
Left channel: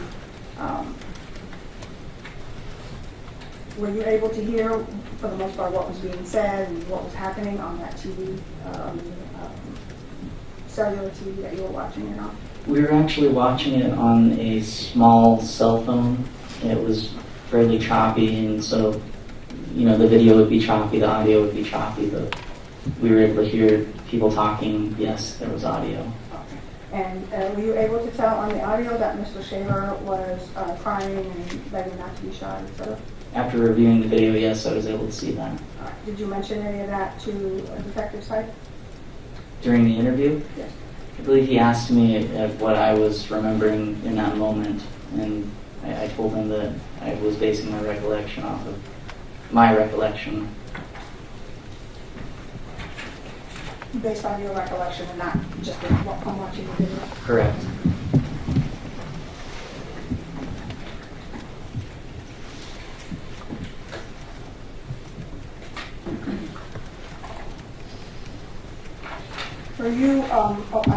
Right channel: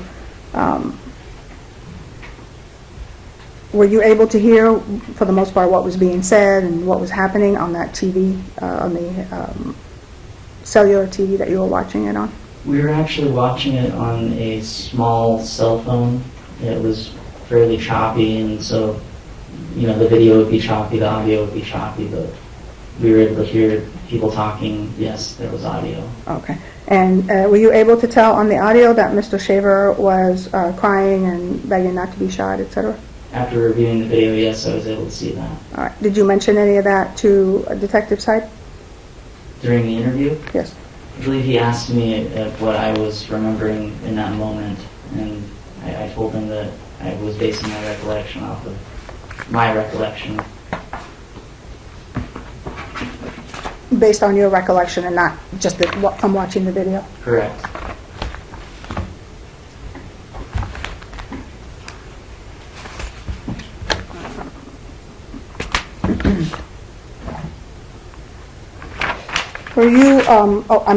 were you able to hear, for the most part, what was being said and what was happening on that TV, on the cellular TV that you were watching it on? We were actually watching it on a small cell phone. It was fairly choppy, and so, the video would be choppy, the audio would be choppy, but we were able to hear people talking. Yes, there was audio. Okay. And were you able to tell on the audio that Mr. Shaver was crying and begging not to be shot, etc.? After reviewing the video, yes, I was able to see that. All right. Did you mention any of that to Detective Seib? During the interview, Yes. I believe he asked me if what I was remembering in that moment, and I told him that I was basing my recollection off of my recollection. Based on your recollection and not just from watching the video? Correct. Were you, let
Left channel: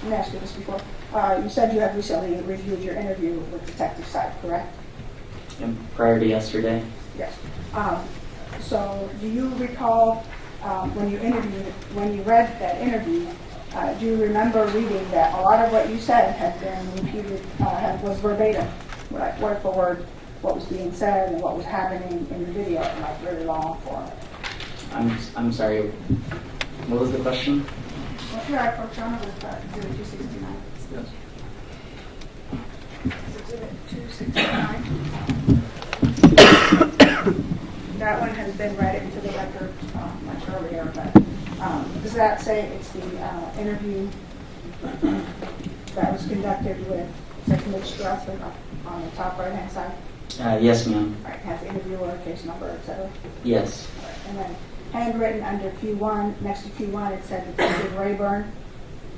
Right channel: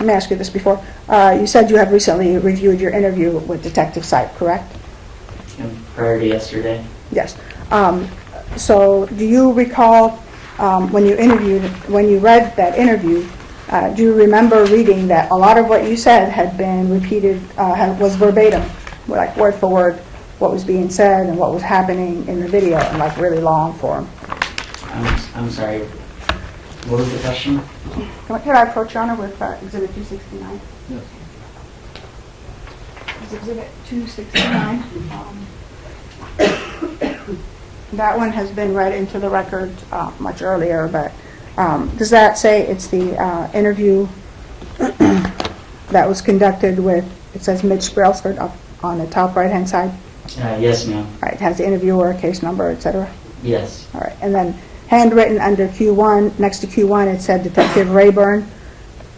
me ask you this before. You said you had recently reviewed your interview with Detective Seib, correct? And prior to yesterday, Yes. So do you recall when you read that interview, do you remember reading that a lot of what you said had been repeated, was verbatim, like word for word, what was being said and what was happening in the video in like really long form? I'm sorry, what was the question? Here, I approach Your Honor with Exhibit 269. Yes. Exhibit 269. That one has been read into the record much earlier, but does that say it's the interview that was conducted with, it says Mitch Brailsford up on the top right-hand side? Yes, ma'am. All right, it has the interviewer, case number, et cetera? Yes. All right, and then handwritten under Q1, next to Q1, it said Detective Rayburn.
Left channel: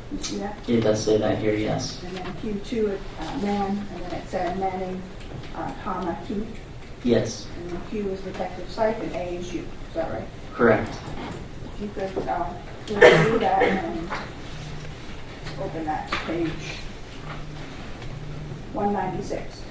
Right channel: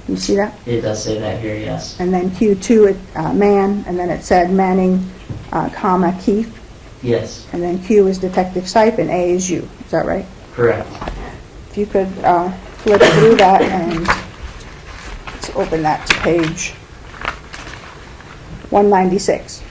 You see that? It does say that here, yes. And then Q2, man, and then it said Manning, comma, Keith. Yes, And then Q is Detective Seib and A is you. Is that right? correct. If you could flip through that and let's open that to page 196.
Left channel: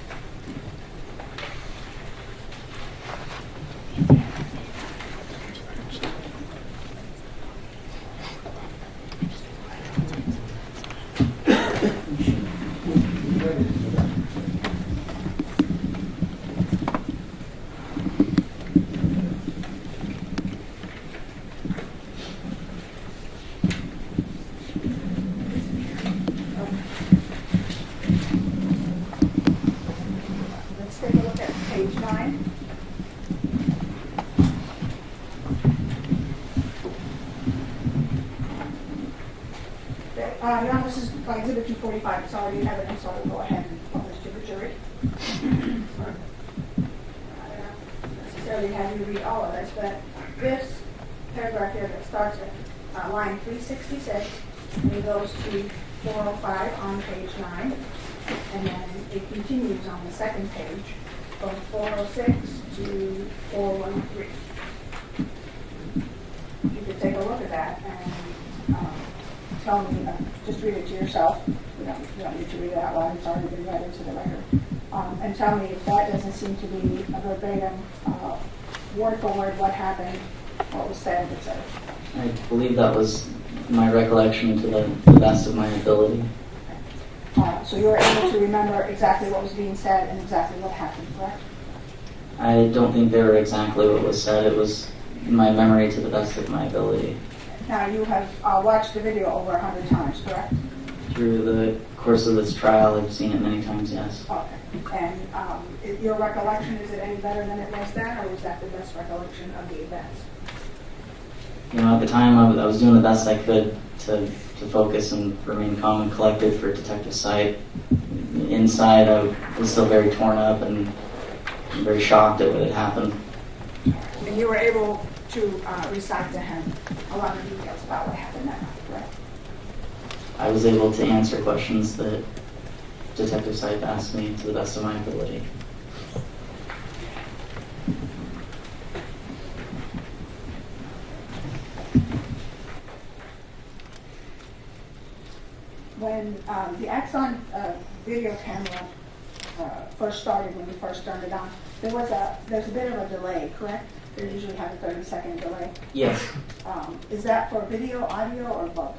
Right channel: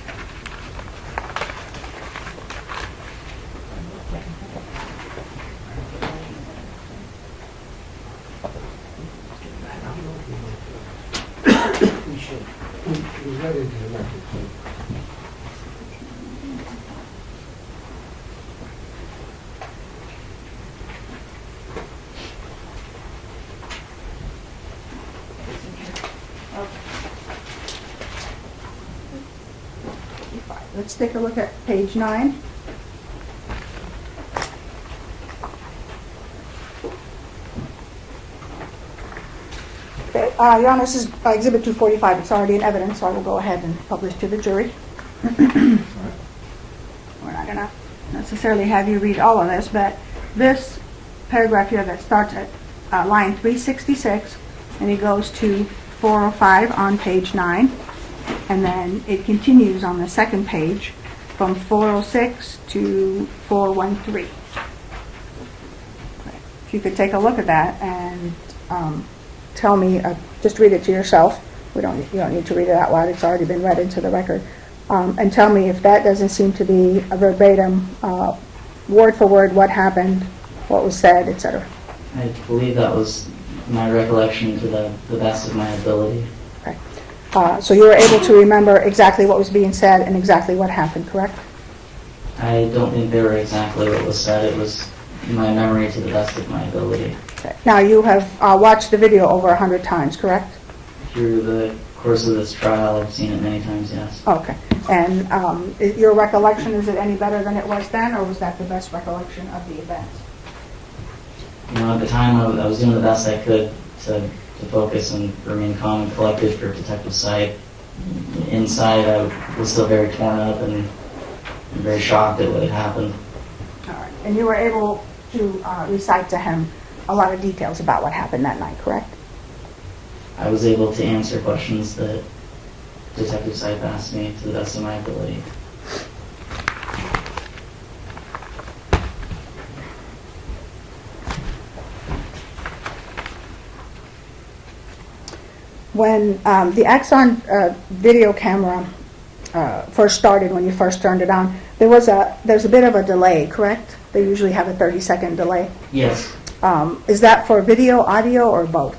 let's take a look at page 9. Okay, Your Honor, this is Exhibit 245. It's already in evidence, so I will go ahead and publish to the jury. We're not going to necessarily have you read all of this, but this paragraph here that starts at line 366, and it goes to 405 on page 9, and then it continues on the second page from 406 to 413. If you could take a look at that and tell me, just read it to yourself. You don't need to read it out loud. It's already been read into the record. And tell me if that doesn't seem to be a verbatim, word for word, what happened, what was said, etc. I believe that was my recollection to the best of my ability. Okay. So you were able to remember exactly what was being said and exactly what happened, correct? I don't think they were exactly what was said. It was in my memory to the best of my ability. Okay. Now you have watched the video over 100 times, correct? Through the course of this trial, I've seen it many times, yes. Okay. And your recollection, is it any better than it was then, or was that the best recollection of the events? You know, at the time, I was doing the best I could to focus and remain calm and collected for Detective Sight. Inside, I was still very torn up and very shocked at what had happened. All right. And you were able to recite to him a lot of details about what happened that night, correct? I was able to answer questions that Detective Sight asked me to the best of my ability. When the Axon video camera first started, when you first turned it on, there's a bit of a delay, correct? They usually have a 30-second delay. Yes. Is that for video, audio, or both?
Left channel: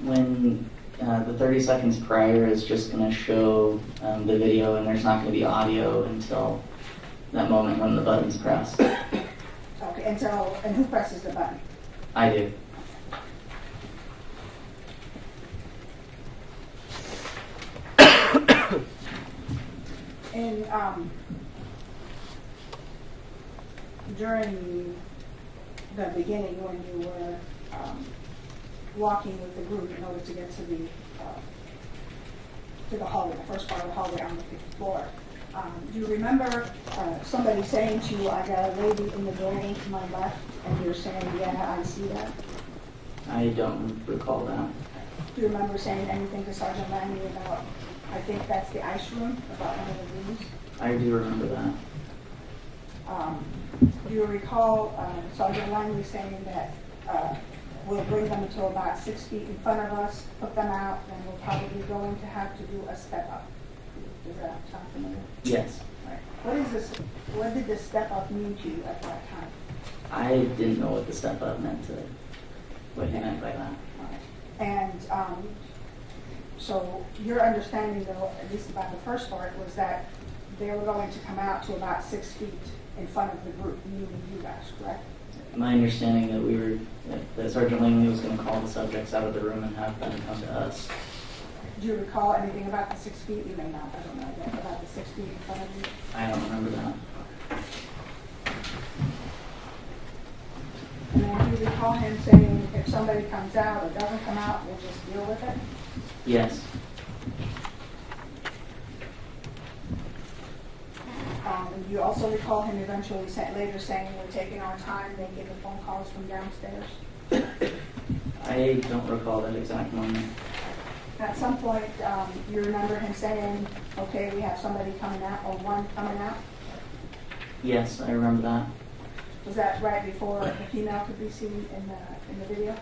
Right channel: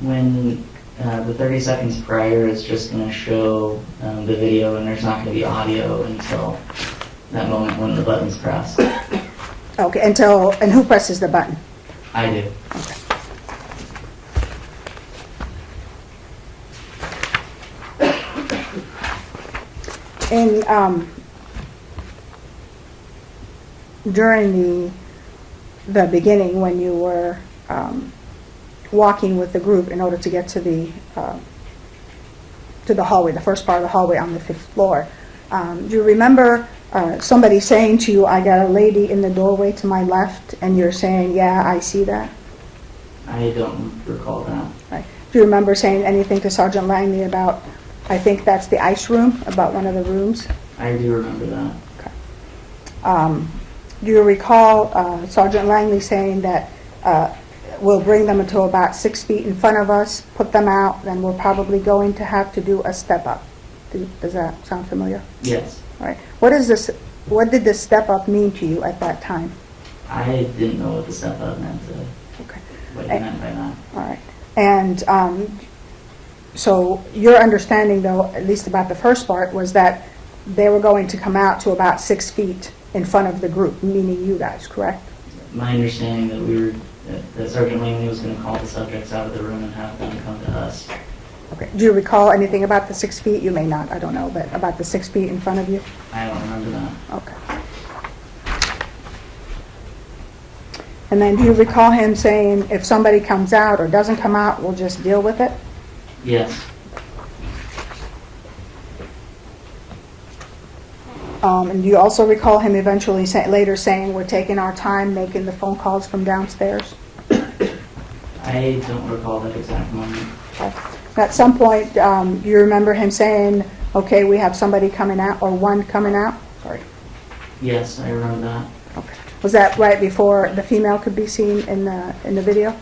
When the 30 seconds prior is just going to show the video, and there's not going to be audio until that moment when the button's pressed. Okay, and who presses the button? I do. Okay. During the beginning, when you were walking with the group in order to get to the hallway, the first part of the hallway on the 5th floor, do you remember somebody saying to you, "I got a lady in the doorway to my left," and you're saying, "Yeah, I see that"? I don't recall that. Right. Do you remember saying anything to Sergeant Langley about, I think that's the ice room, about one of the rooms? I do remember that. Okay. Do you recall Sergeant Langley saying that we'll bring them until about 6 feet in front of us, put them out, then we're probably going to have to do a step up? Does that sound familiar? Yes. All right. What did the step up mean to you at that time? I didn't know what the step up meant. Okay. What he meant by that. All right. And so your understanding, though, at least about the first part, was that they were going to come out to about 6 feet in front of the group, meaning you guys, correct? My understanding that Sergeant Langley was going to call the subjects out of the room and have them come to us. Okay. Do you recall anything about the 6 feet? You may not, I don't know, but about the 6 feet in front of you? I don't remember that. Okay. And then do you recall him saying, if somebody comes out or doesn't come out, we'll just deal with it? Yes. And do you also recall him eventually later saying, we're taking our time making the phone calls from downstairs? I don't recall that exact moment. Okay. At some point, do you remember him saying, okay, we have somebody coming out, or one coming out? Sorry. Yes, I remember that. Okay. Was that right before the female could be seen in the video?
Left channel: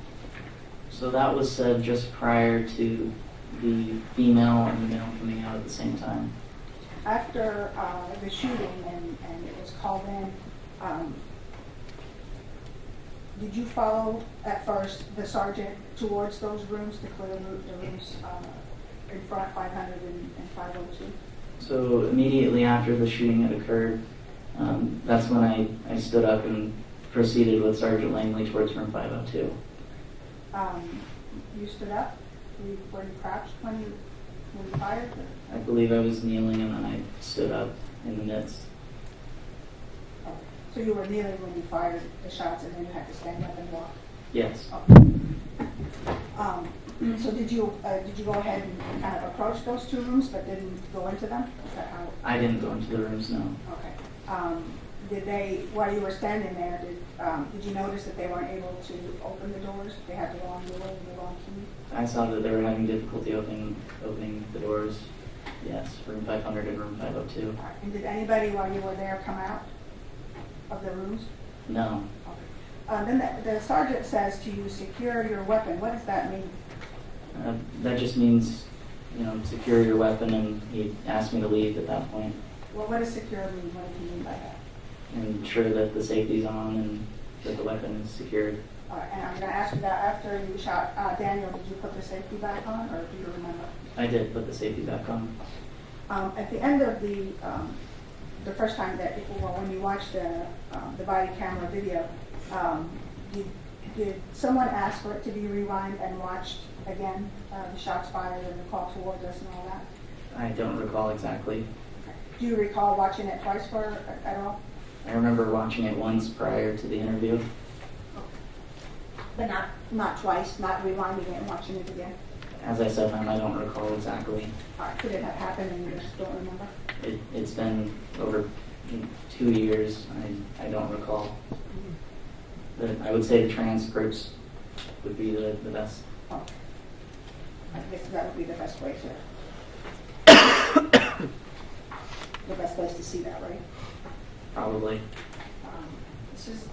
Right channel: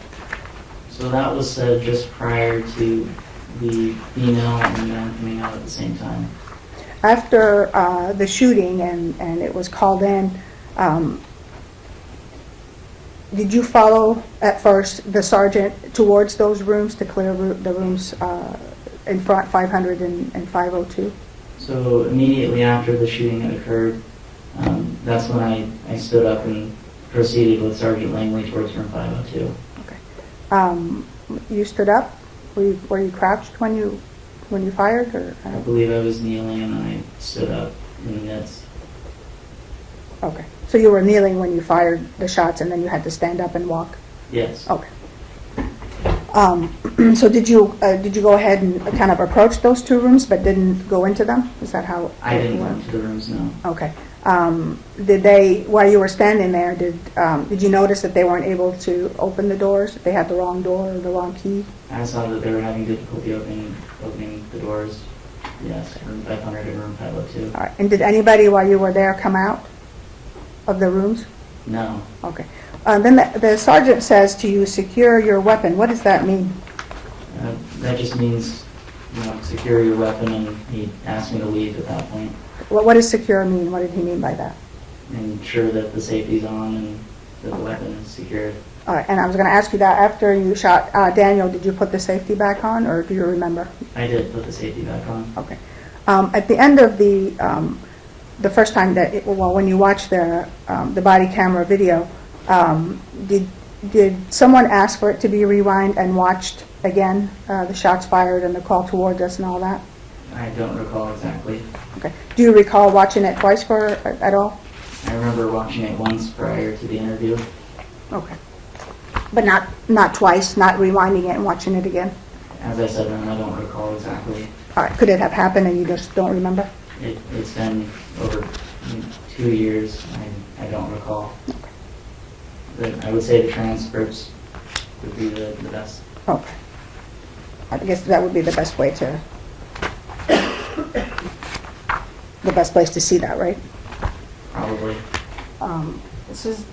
So that was said just prior to the female and man coming out at the same time. After the shooting and it was called in, did you follow at first the sergeant towards those rooms to clear the rooms in front, 500 and 502? So immediately after the shooting had occurred, that's when I stood up and proceeded with Sergeant Langley towards room 502. Okay. You stood up? Were you crouched when you fired? Or I believe I was kneeling and then I stood up. in the midst. Okay. So you were kneeling when you fired the shots, and then you had to stand up and walk? Yes. Okay. So did you go ahead and kind of approach those two rooms but didn't go into them? Is that how? I didn't it go worked? into the rooms, no. Okay. Did they, while you were standing there, did you notice that they weren't able to open the doors? That they had the wrong door or the wrong key? I saw that they were having difficulty opening the doors. Yes, room 500 and room 502. All right. And did anybody while you were there come out of the rooms? No. Okay. Then the sergeant says to you, secure your weapon. What does that mean? That just means, secure your weapon, and he asked me to leave at that point. What does secure mean? What did he mean by that? Ensure that the safety's on and that the weapon is secured. All right. And I was going to ask you that after you shot Daniel, did you put the safety back on, or do you remember? I did put the safety back on. Okay. At the end of the first time that, when you watched the body camera video, did someone ask for it to be rewind and watched again, the shots fired and the call towards us and all that? I don't recall exactly. Okay. Do you recall watching it twice at all? I remember watching it once prior to the interview. Okay. But not twice, not rewinding it and watching it again? As I said, I don't recall exactly. All right. Could it have happened and you just don't remember? It's been over 2 years. I don't recall. I would say the transcripts would be the best. Okay. I guess that would be the best way to, the best place to see that, right? Probably. This is.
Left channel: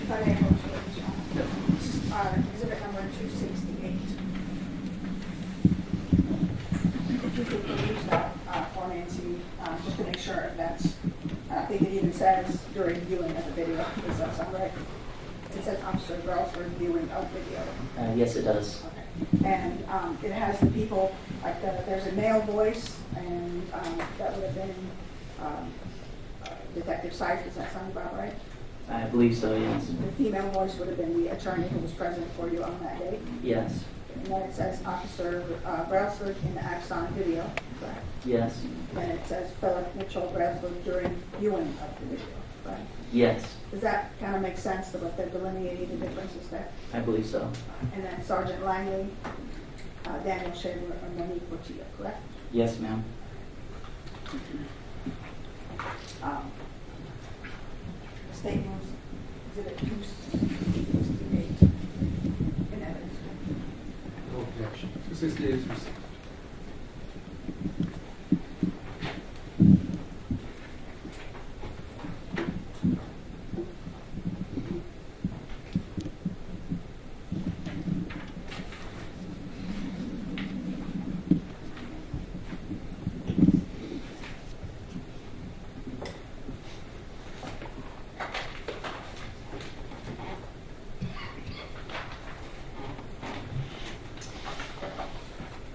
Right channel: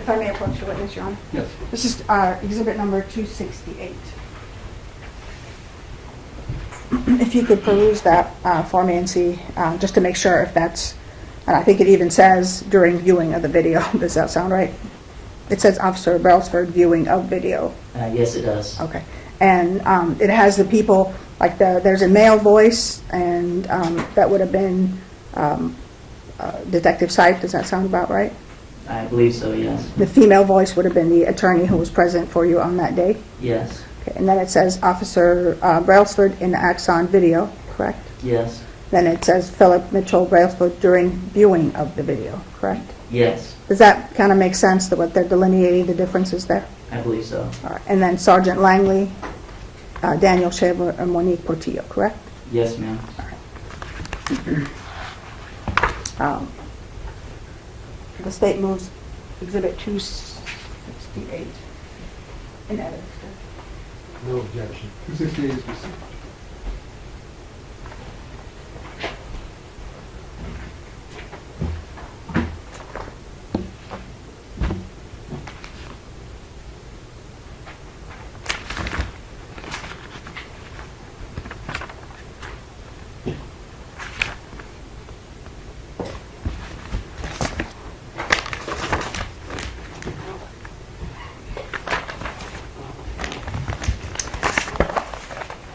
If I may approach the witness, Your Honor. Yes. This is exhibit number 268. If you could peruse that for me and see, just to make sure if that's, and I think it even says during viewing of the video. Does that sound right? It says Officer Brailsford viewing of video. Yes, it does. Okay. And it has the people, like there's a male voice, and that would have been Detective Sype. Does that sound about right? I believe so, yes. The female voice would have been the attorney who was present for you on that day. Yes. Okay. And then it says Officer Brailsford in the Axon video, correct? Yes. Then it says Philip Mitchell Brailsford during viewing of the video, correct? Yes. Does that kind of make sense, that what they're delineating the differences there? I believe so. All right. And then Sergeant Langley, Daniel Shaver, and Monique Portillo, correct? Yes, ma'am. The state moves exhibit 268 in evidence. No objection. 268 is received.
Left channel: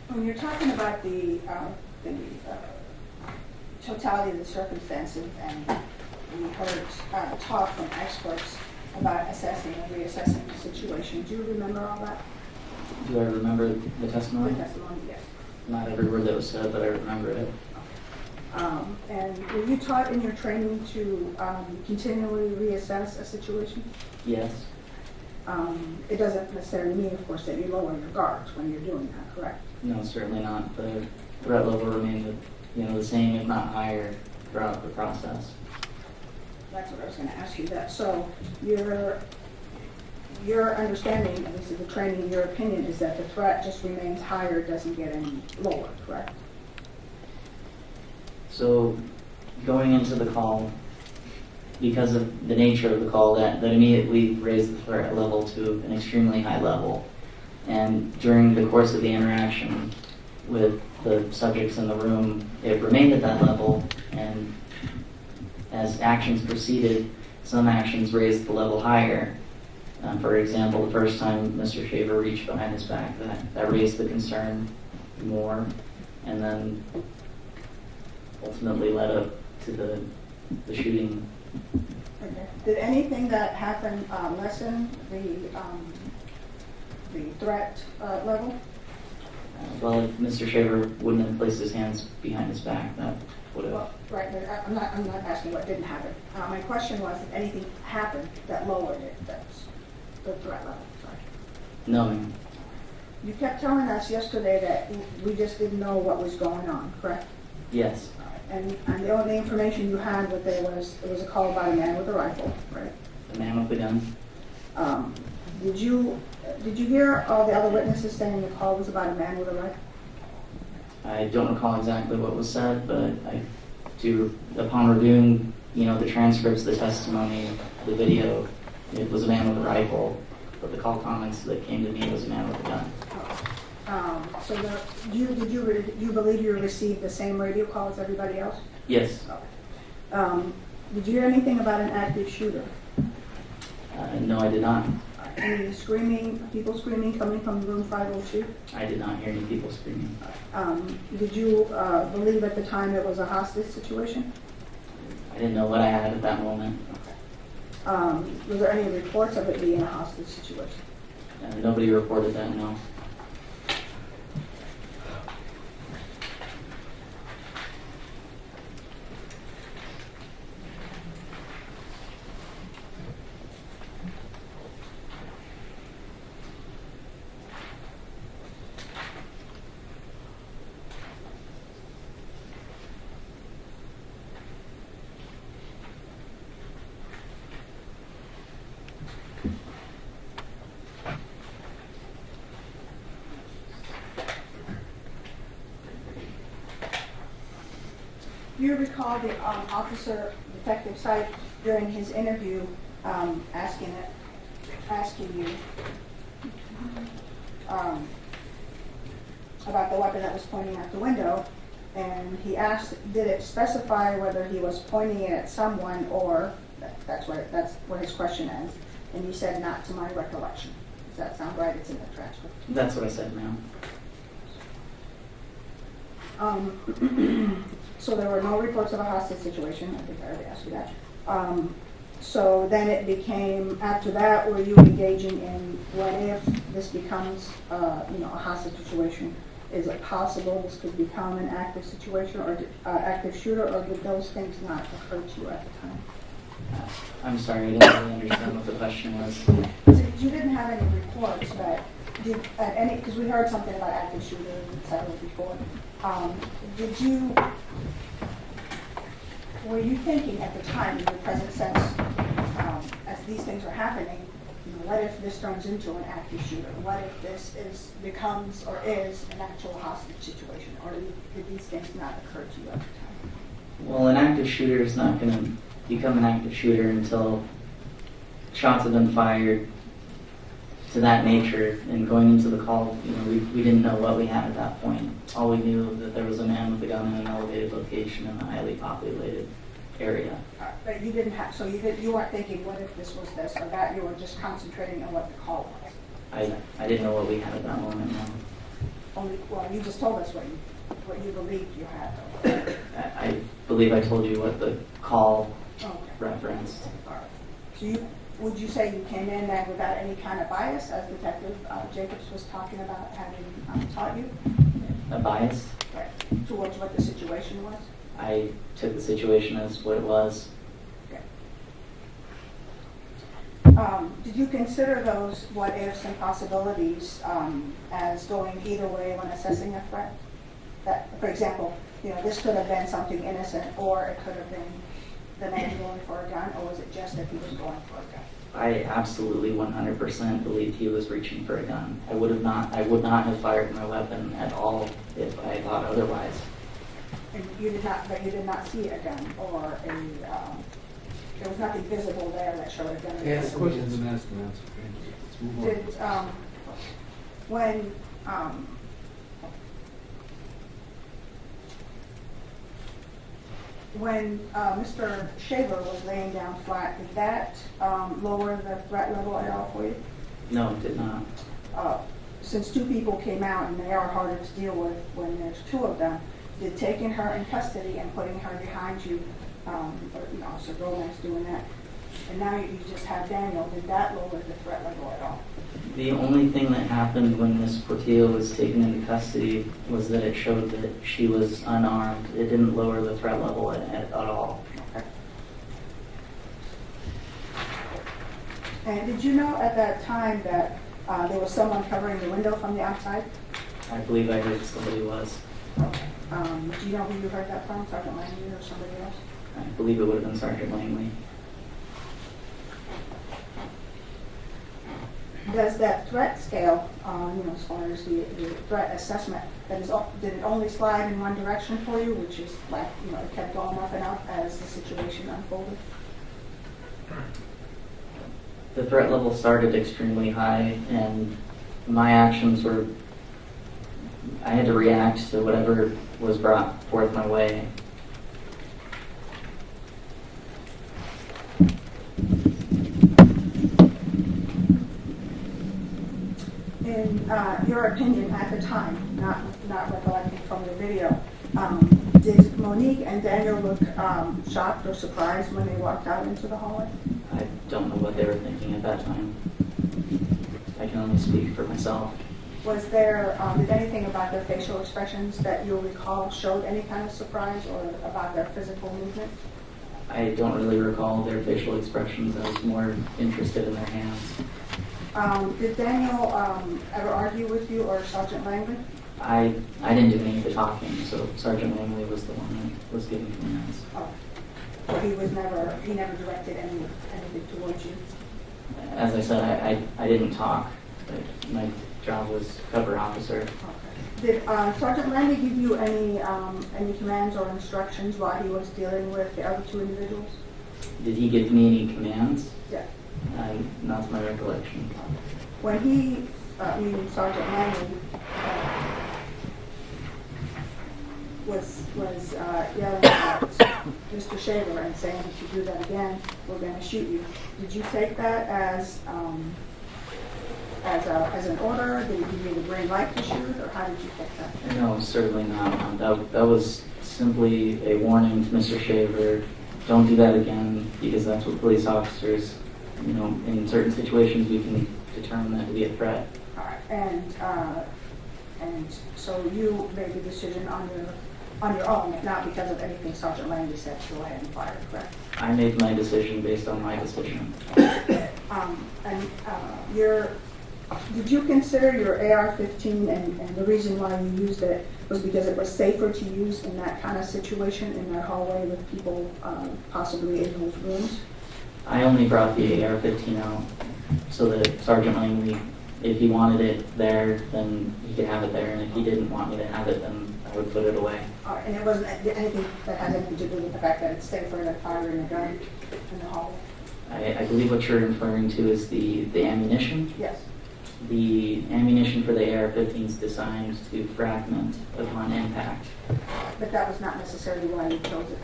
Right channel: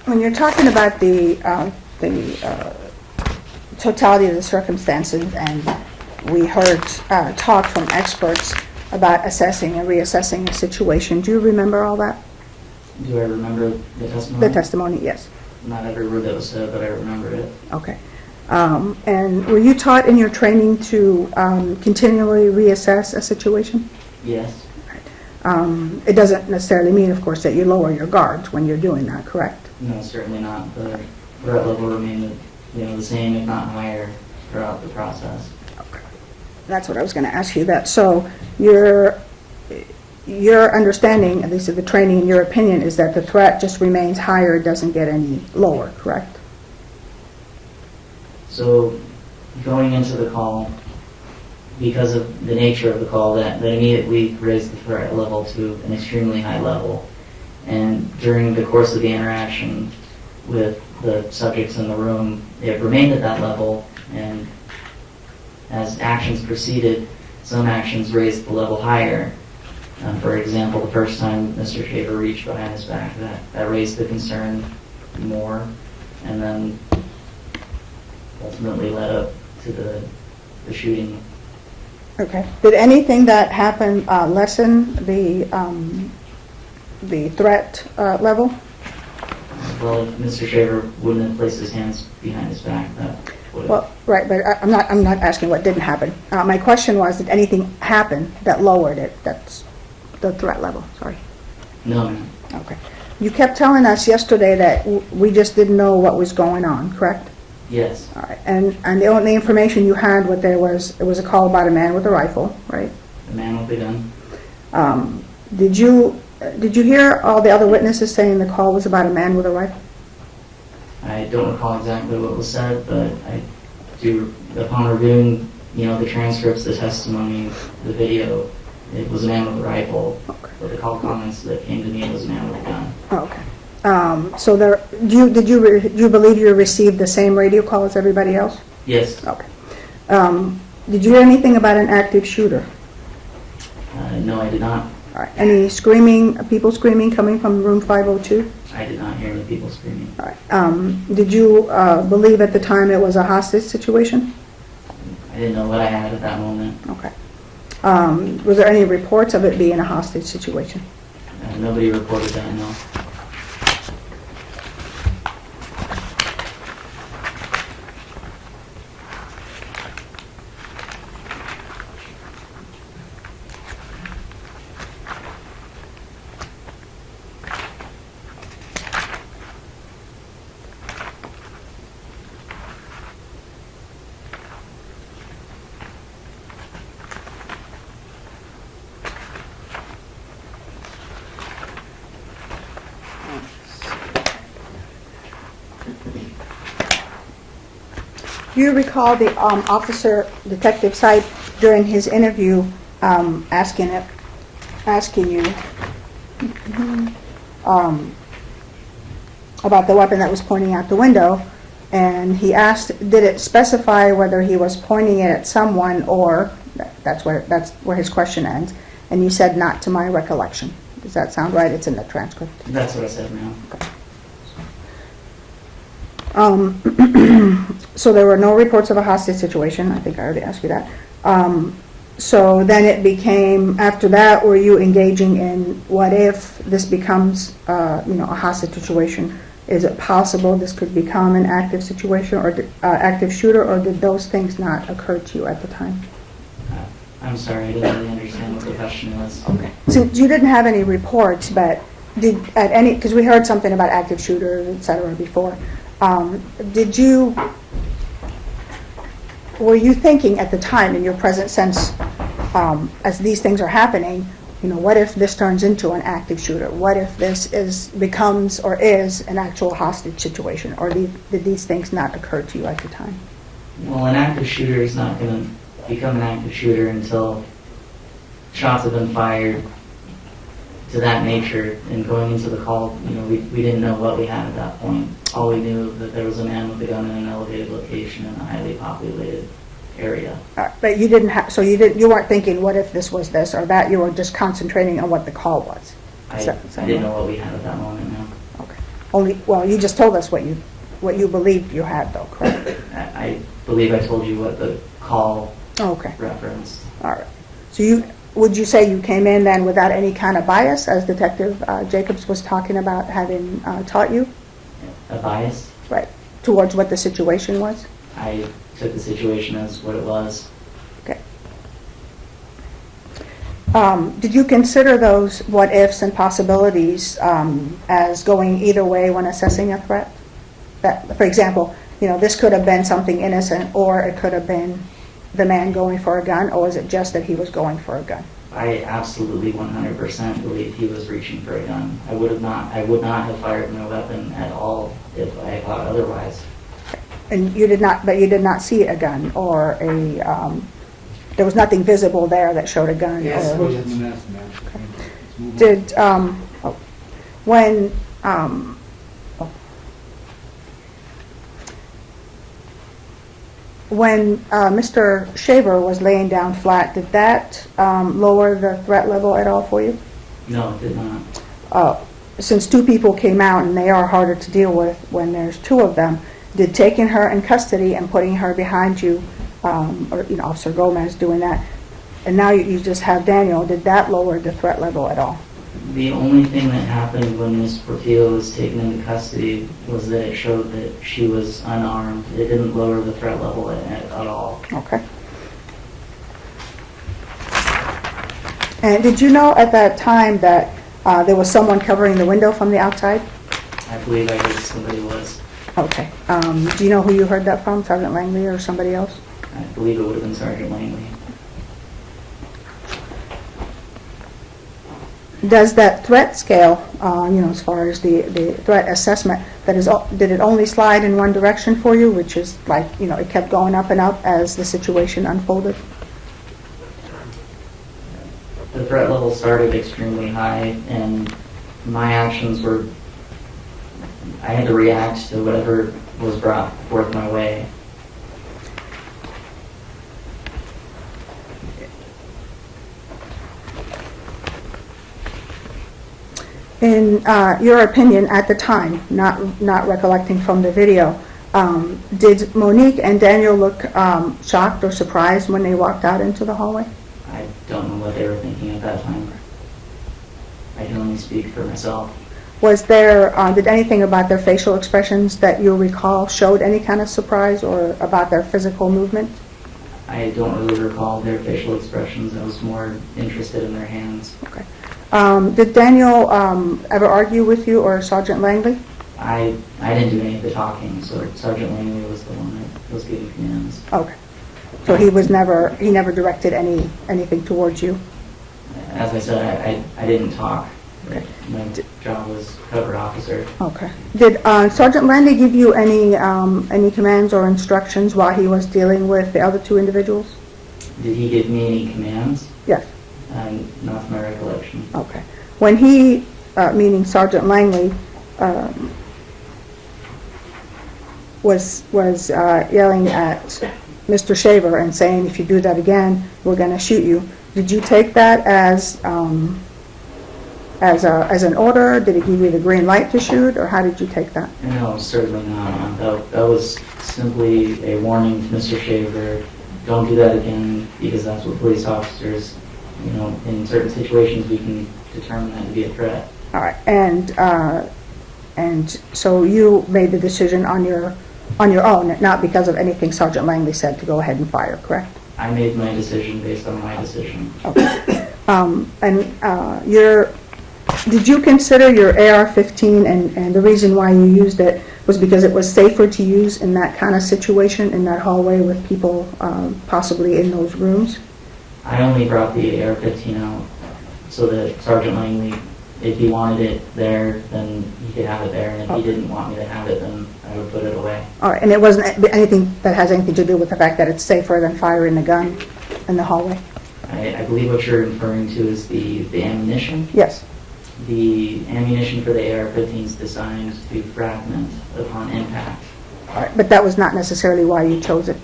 When you're talking about the totality of the circumstances, and we heard talk from experts about assessing and reassessing a situation, do you remember all that? Do I remember the testimony? The testimony, yes. Not every word that was said, but I remember it. Okay. And were you taught in your training to continually reassess a situation? Yes. It doesn't necessarily mean, of course, that you lower your guards when you're doing that, correct? No, certainly not. The threat level remained, the same, if not higher, throughout the process. That's what I was going to ask you. That so your understanding, at least of the training, in your opinion, is that the threat just remains higher, it doesn't get any lower, correct? So, going into the call, because of the nature of the call, that immediately raised the threat level to an extremely high level. And during the course of the interaction with the subjects in the room, it remained at that level, and as actions proceeded, some actions raised the level higher. For example, the first time Mr. Shaver reached behind his back, that raised the concern more, and then ultimately led up to the shooting. Okay. Did anything that happened lessen the threat level? Well, if Mr. Shaver wouldn't have placed his hands behind his back, that would have. Well, right, but I'm not asking what didn't happen. My question was, did anything happen that lowered it? That's the threat level, sorry. No, ma'am. Okay. You kept telling us yesterday that we just didn't know what was going on, correct? Yes, All right. And the only information you had, what there was, it was a call about a man with a rifle, right? the man with the gun. Did you hear all the other witnesses saying the call was about a man with a rifle? I don't recall exactly what was said, but I do, upon reviewing, the transcripts, the testimony, the video, it was a man with a rifle. But the call comments that came to me was a man with a gun. Okay. So did you believe you received the same radio call as everybody else? Yes. Okay. Did you hear anything about an active shooter? No, I did not. All right. Any people screaming coming from room 502? I did not hear any people screaming. All right. Did you believe at the time it was a hostage situation? I didn't know what I had at that moment. Okay. Was there any reports of it being a hostage situation? Nobody reported that, no. Do you recall the officer, Detective Sipe, during his interview, asking you about the weapon that was pointing out the window, and he asked, did it specify whether he was pointing it at someone or that's where his question ends, and you said not to my recollection. Does that sound right? It's in the transcript. That's what I said, ma'am. So there were no reports of a hostage situation. I think I already asked you that. So then it became, after that, were you engaging in what if this becomes, a hostage situation? Is it possible this could become an active situation or active shooter, or did those things not occur to you at the time? I'm sorry, I didn't really understand what the question was. So you didn't have any reports, but because we heard something about active shooters, et cetera, before. Were you thinking at the time, in your present sense, as these things are happening, what if this turns into an active shooter? What if this becomes or is an actual hostage situation? Or did these things not occur to you at the time? Well, an active shooter is not going to become an active shooter until shots have been fired to that nature, and going into the call, we didn't know what we had at that point. All we knew was that there was a man with a gun in an elevated location in a highly populated area. But you didn't have, so you weren't thinking, what if this was this or that? You were just concentrating on what the call was. I didn't know what we had at that moment, no. Okay. Well, you just told us what you believed you had, though, correct? I believe I told you what the call referenced. All right. So would you say you came in then without any kind of bias, as Detective Jacobs was talking about having taught you? A bias? Right. Towards what the situation was? I took the situation as what it was. Okay. Did you consider those what ifs and possibilities as going either way when assessing a threat? That, for example, this could have been something innocent, or it could have been the man going for a gun, or was it just that he was going for a gun? I absolutely 100% believe he was reaching for a gun. I would not have fired my weapon at all if I thought otherwise. And you did not see a gun or there was nothing visible there that showed a gun. Yes, or, did, when Mr. Shaver was laying down flat, did that lower the threat level at all for you? No, it did not. Since two people came out, and they are harder to deal with when there's two of them, did taking her in custody and putting her behind you, or Officer Gomez doing that, and now you just have Daniel, did that lower the threat level at all? The only thing that happened when Ms. Portillo was taken into custody was that it showed that she was unarmed. It didn't lower the threat level at all. Okay. And did you know at that time that there was someone covering the window from the outside? I believe I heard somebody was. Okay. Do you know who you heard that from, Sergeant Langley or somebody else? I believe it would have been Sergeant Langley. Does that threat scale, as far as the threat assessment, did it only slide in one direction for you, which is like, it kept going up and up as the situation unfolded? The threat level started extremely high, and my actions were, I had to react to whatever was brought forth my way. In your opinion at the time, not recollecting from the video, did Monique and Daniel look shocked or surprised when they walked out into the hallway? I don't know what they were thinking at that time. I can only speak for myself. Was there, did anything about their facial expressions that you recall showed any kind of surprise, or about their physical movement? I don't really recall their facial expressions. I was more interested in their hands. Okay. Did Daniel ever argue with you or Sergeant Langley? I didn't do any of the talking, so Sergeant Langley was the one that was giving commands. Okay. So he never directed anything towards you? As I said, I didn't talk. Okay. My job was cover officer. Okay. Did Sergeant Langley give you any commands or instructions while he was dealing with the other two individuals? Did he give me any commands? Yes. Not to my recollection. Okay. When he, meaning Sergeant Langley, was yelling at Mr. Shaver and saying, "If you do that again, we're going to shoot you," did you take that as an order? Did he give you the green light to shoot, or how did you take that? No, certainly not. That was simply a warning to Mr. Shaver. Don't do that again, because that's what police officers, in certain situations we can determine that to be a threat. All right. And so you made the decision on your own, not because of anything Sergeant Langley said, to go ahead and fire, correct? I made my decision based on my decision. Okay. Did you consider your AR-15, and the reason why you used it was because it was safer to use in that kind of situation, in that hallway with people possibly in those rooms? I only brought the AR-15 out so that Sergeant Langley, if he wanted it there, then he could have it there, and if he didn't want me to have it, then I would put it away. All right, and it wasn't anything that has anything to do with the fact that it's safer than firing a gun in the hallway? I believe what you're referring to is the ammunition. Yes. The ammunition for the AR-15 is designed to fragment upon impact. All right, but that was not necessarily why you chose it?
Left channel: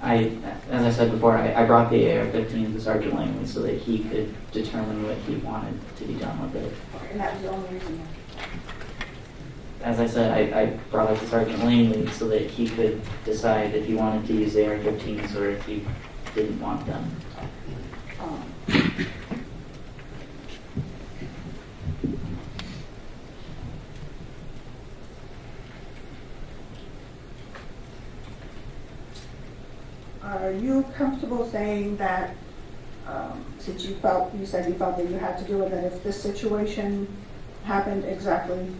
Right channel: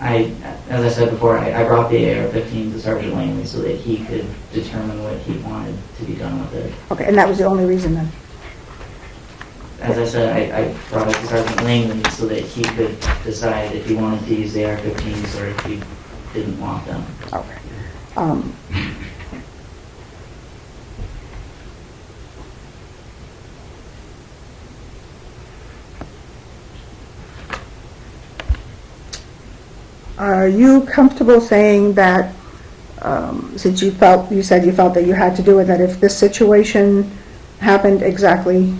As I said before, I brought the AR-15 to Sergeant Langley so that he could determine what he wanted to be done with it. Okay, and that was the only reason then? As I said, I brought it to Sergeant Langley so that he could decide if he wanted to use the AR-15s or if he didn't want them. Okay. Are you comfortable saying that, since you said you felt that you had to do it, that if this situation happened exactly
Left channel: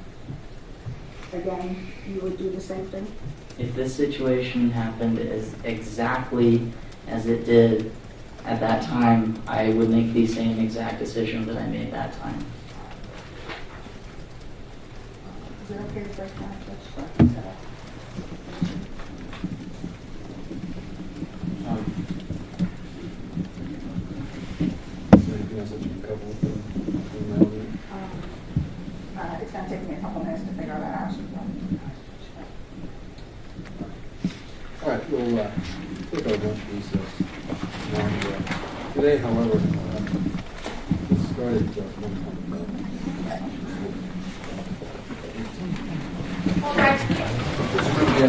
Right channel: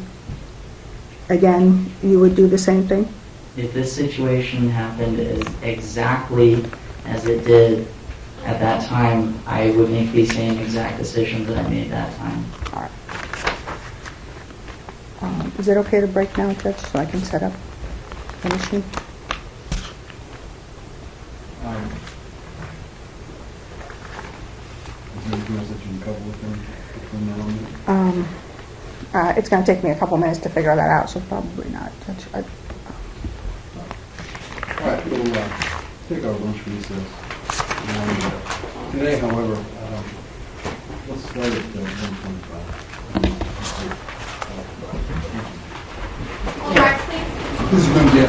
again, you would do the same thing? If this situation happened exactly as it did at that time, I would make the same exact decision that I made that time. All right. Is it okay to break now, Judge, so I can set up the machine? It's going to take me a couple minutes to figure that out, so probably not. All right, we'll take our lunch recess. Today, however, let's start at 10:25. This is going to be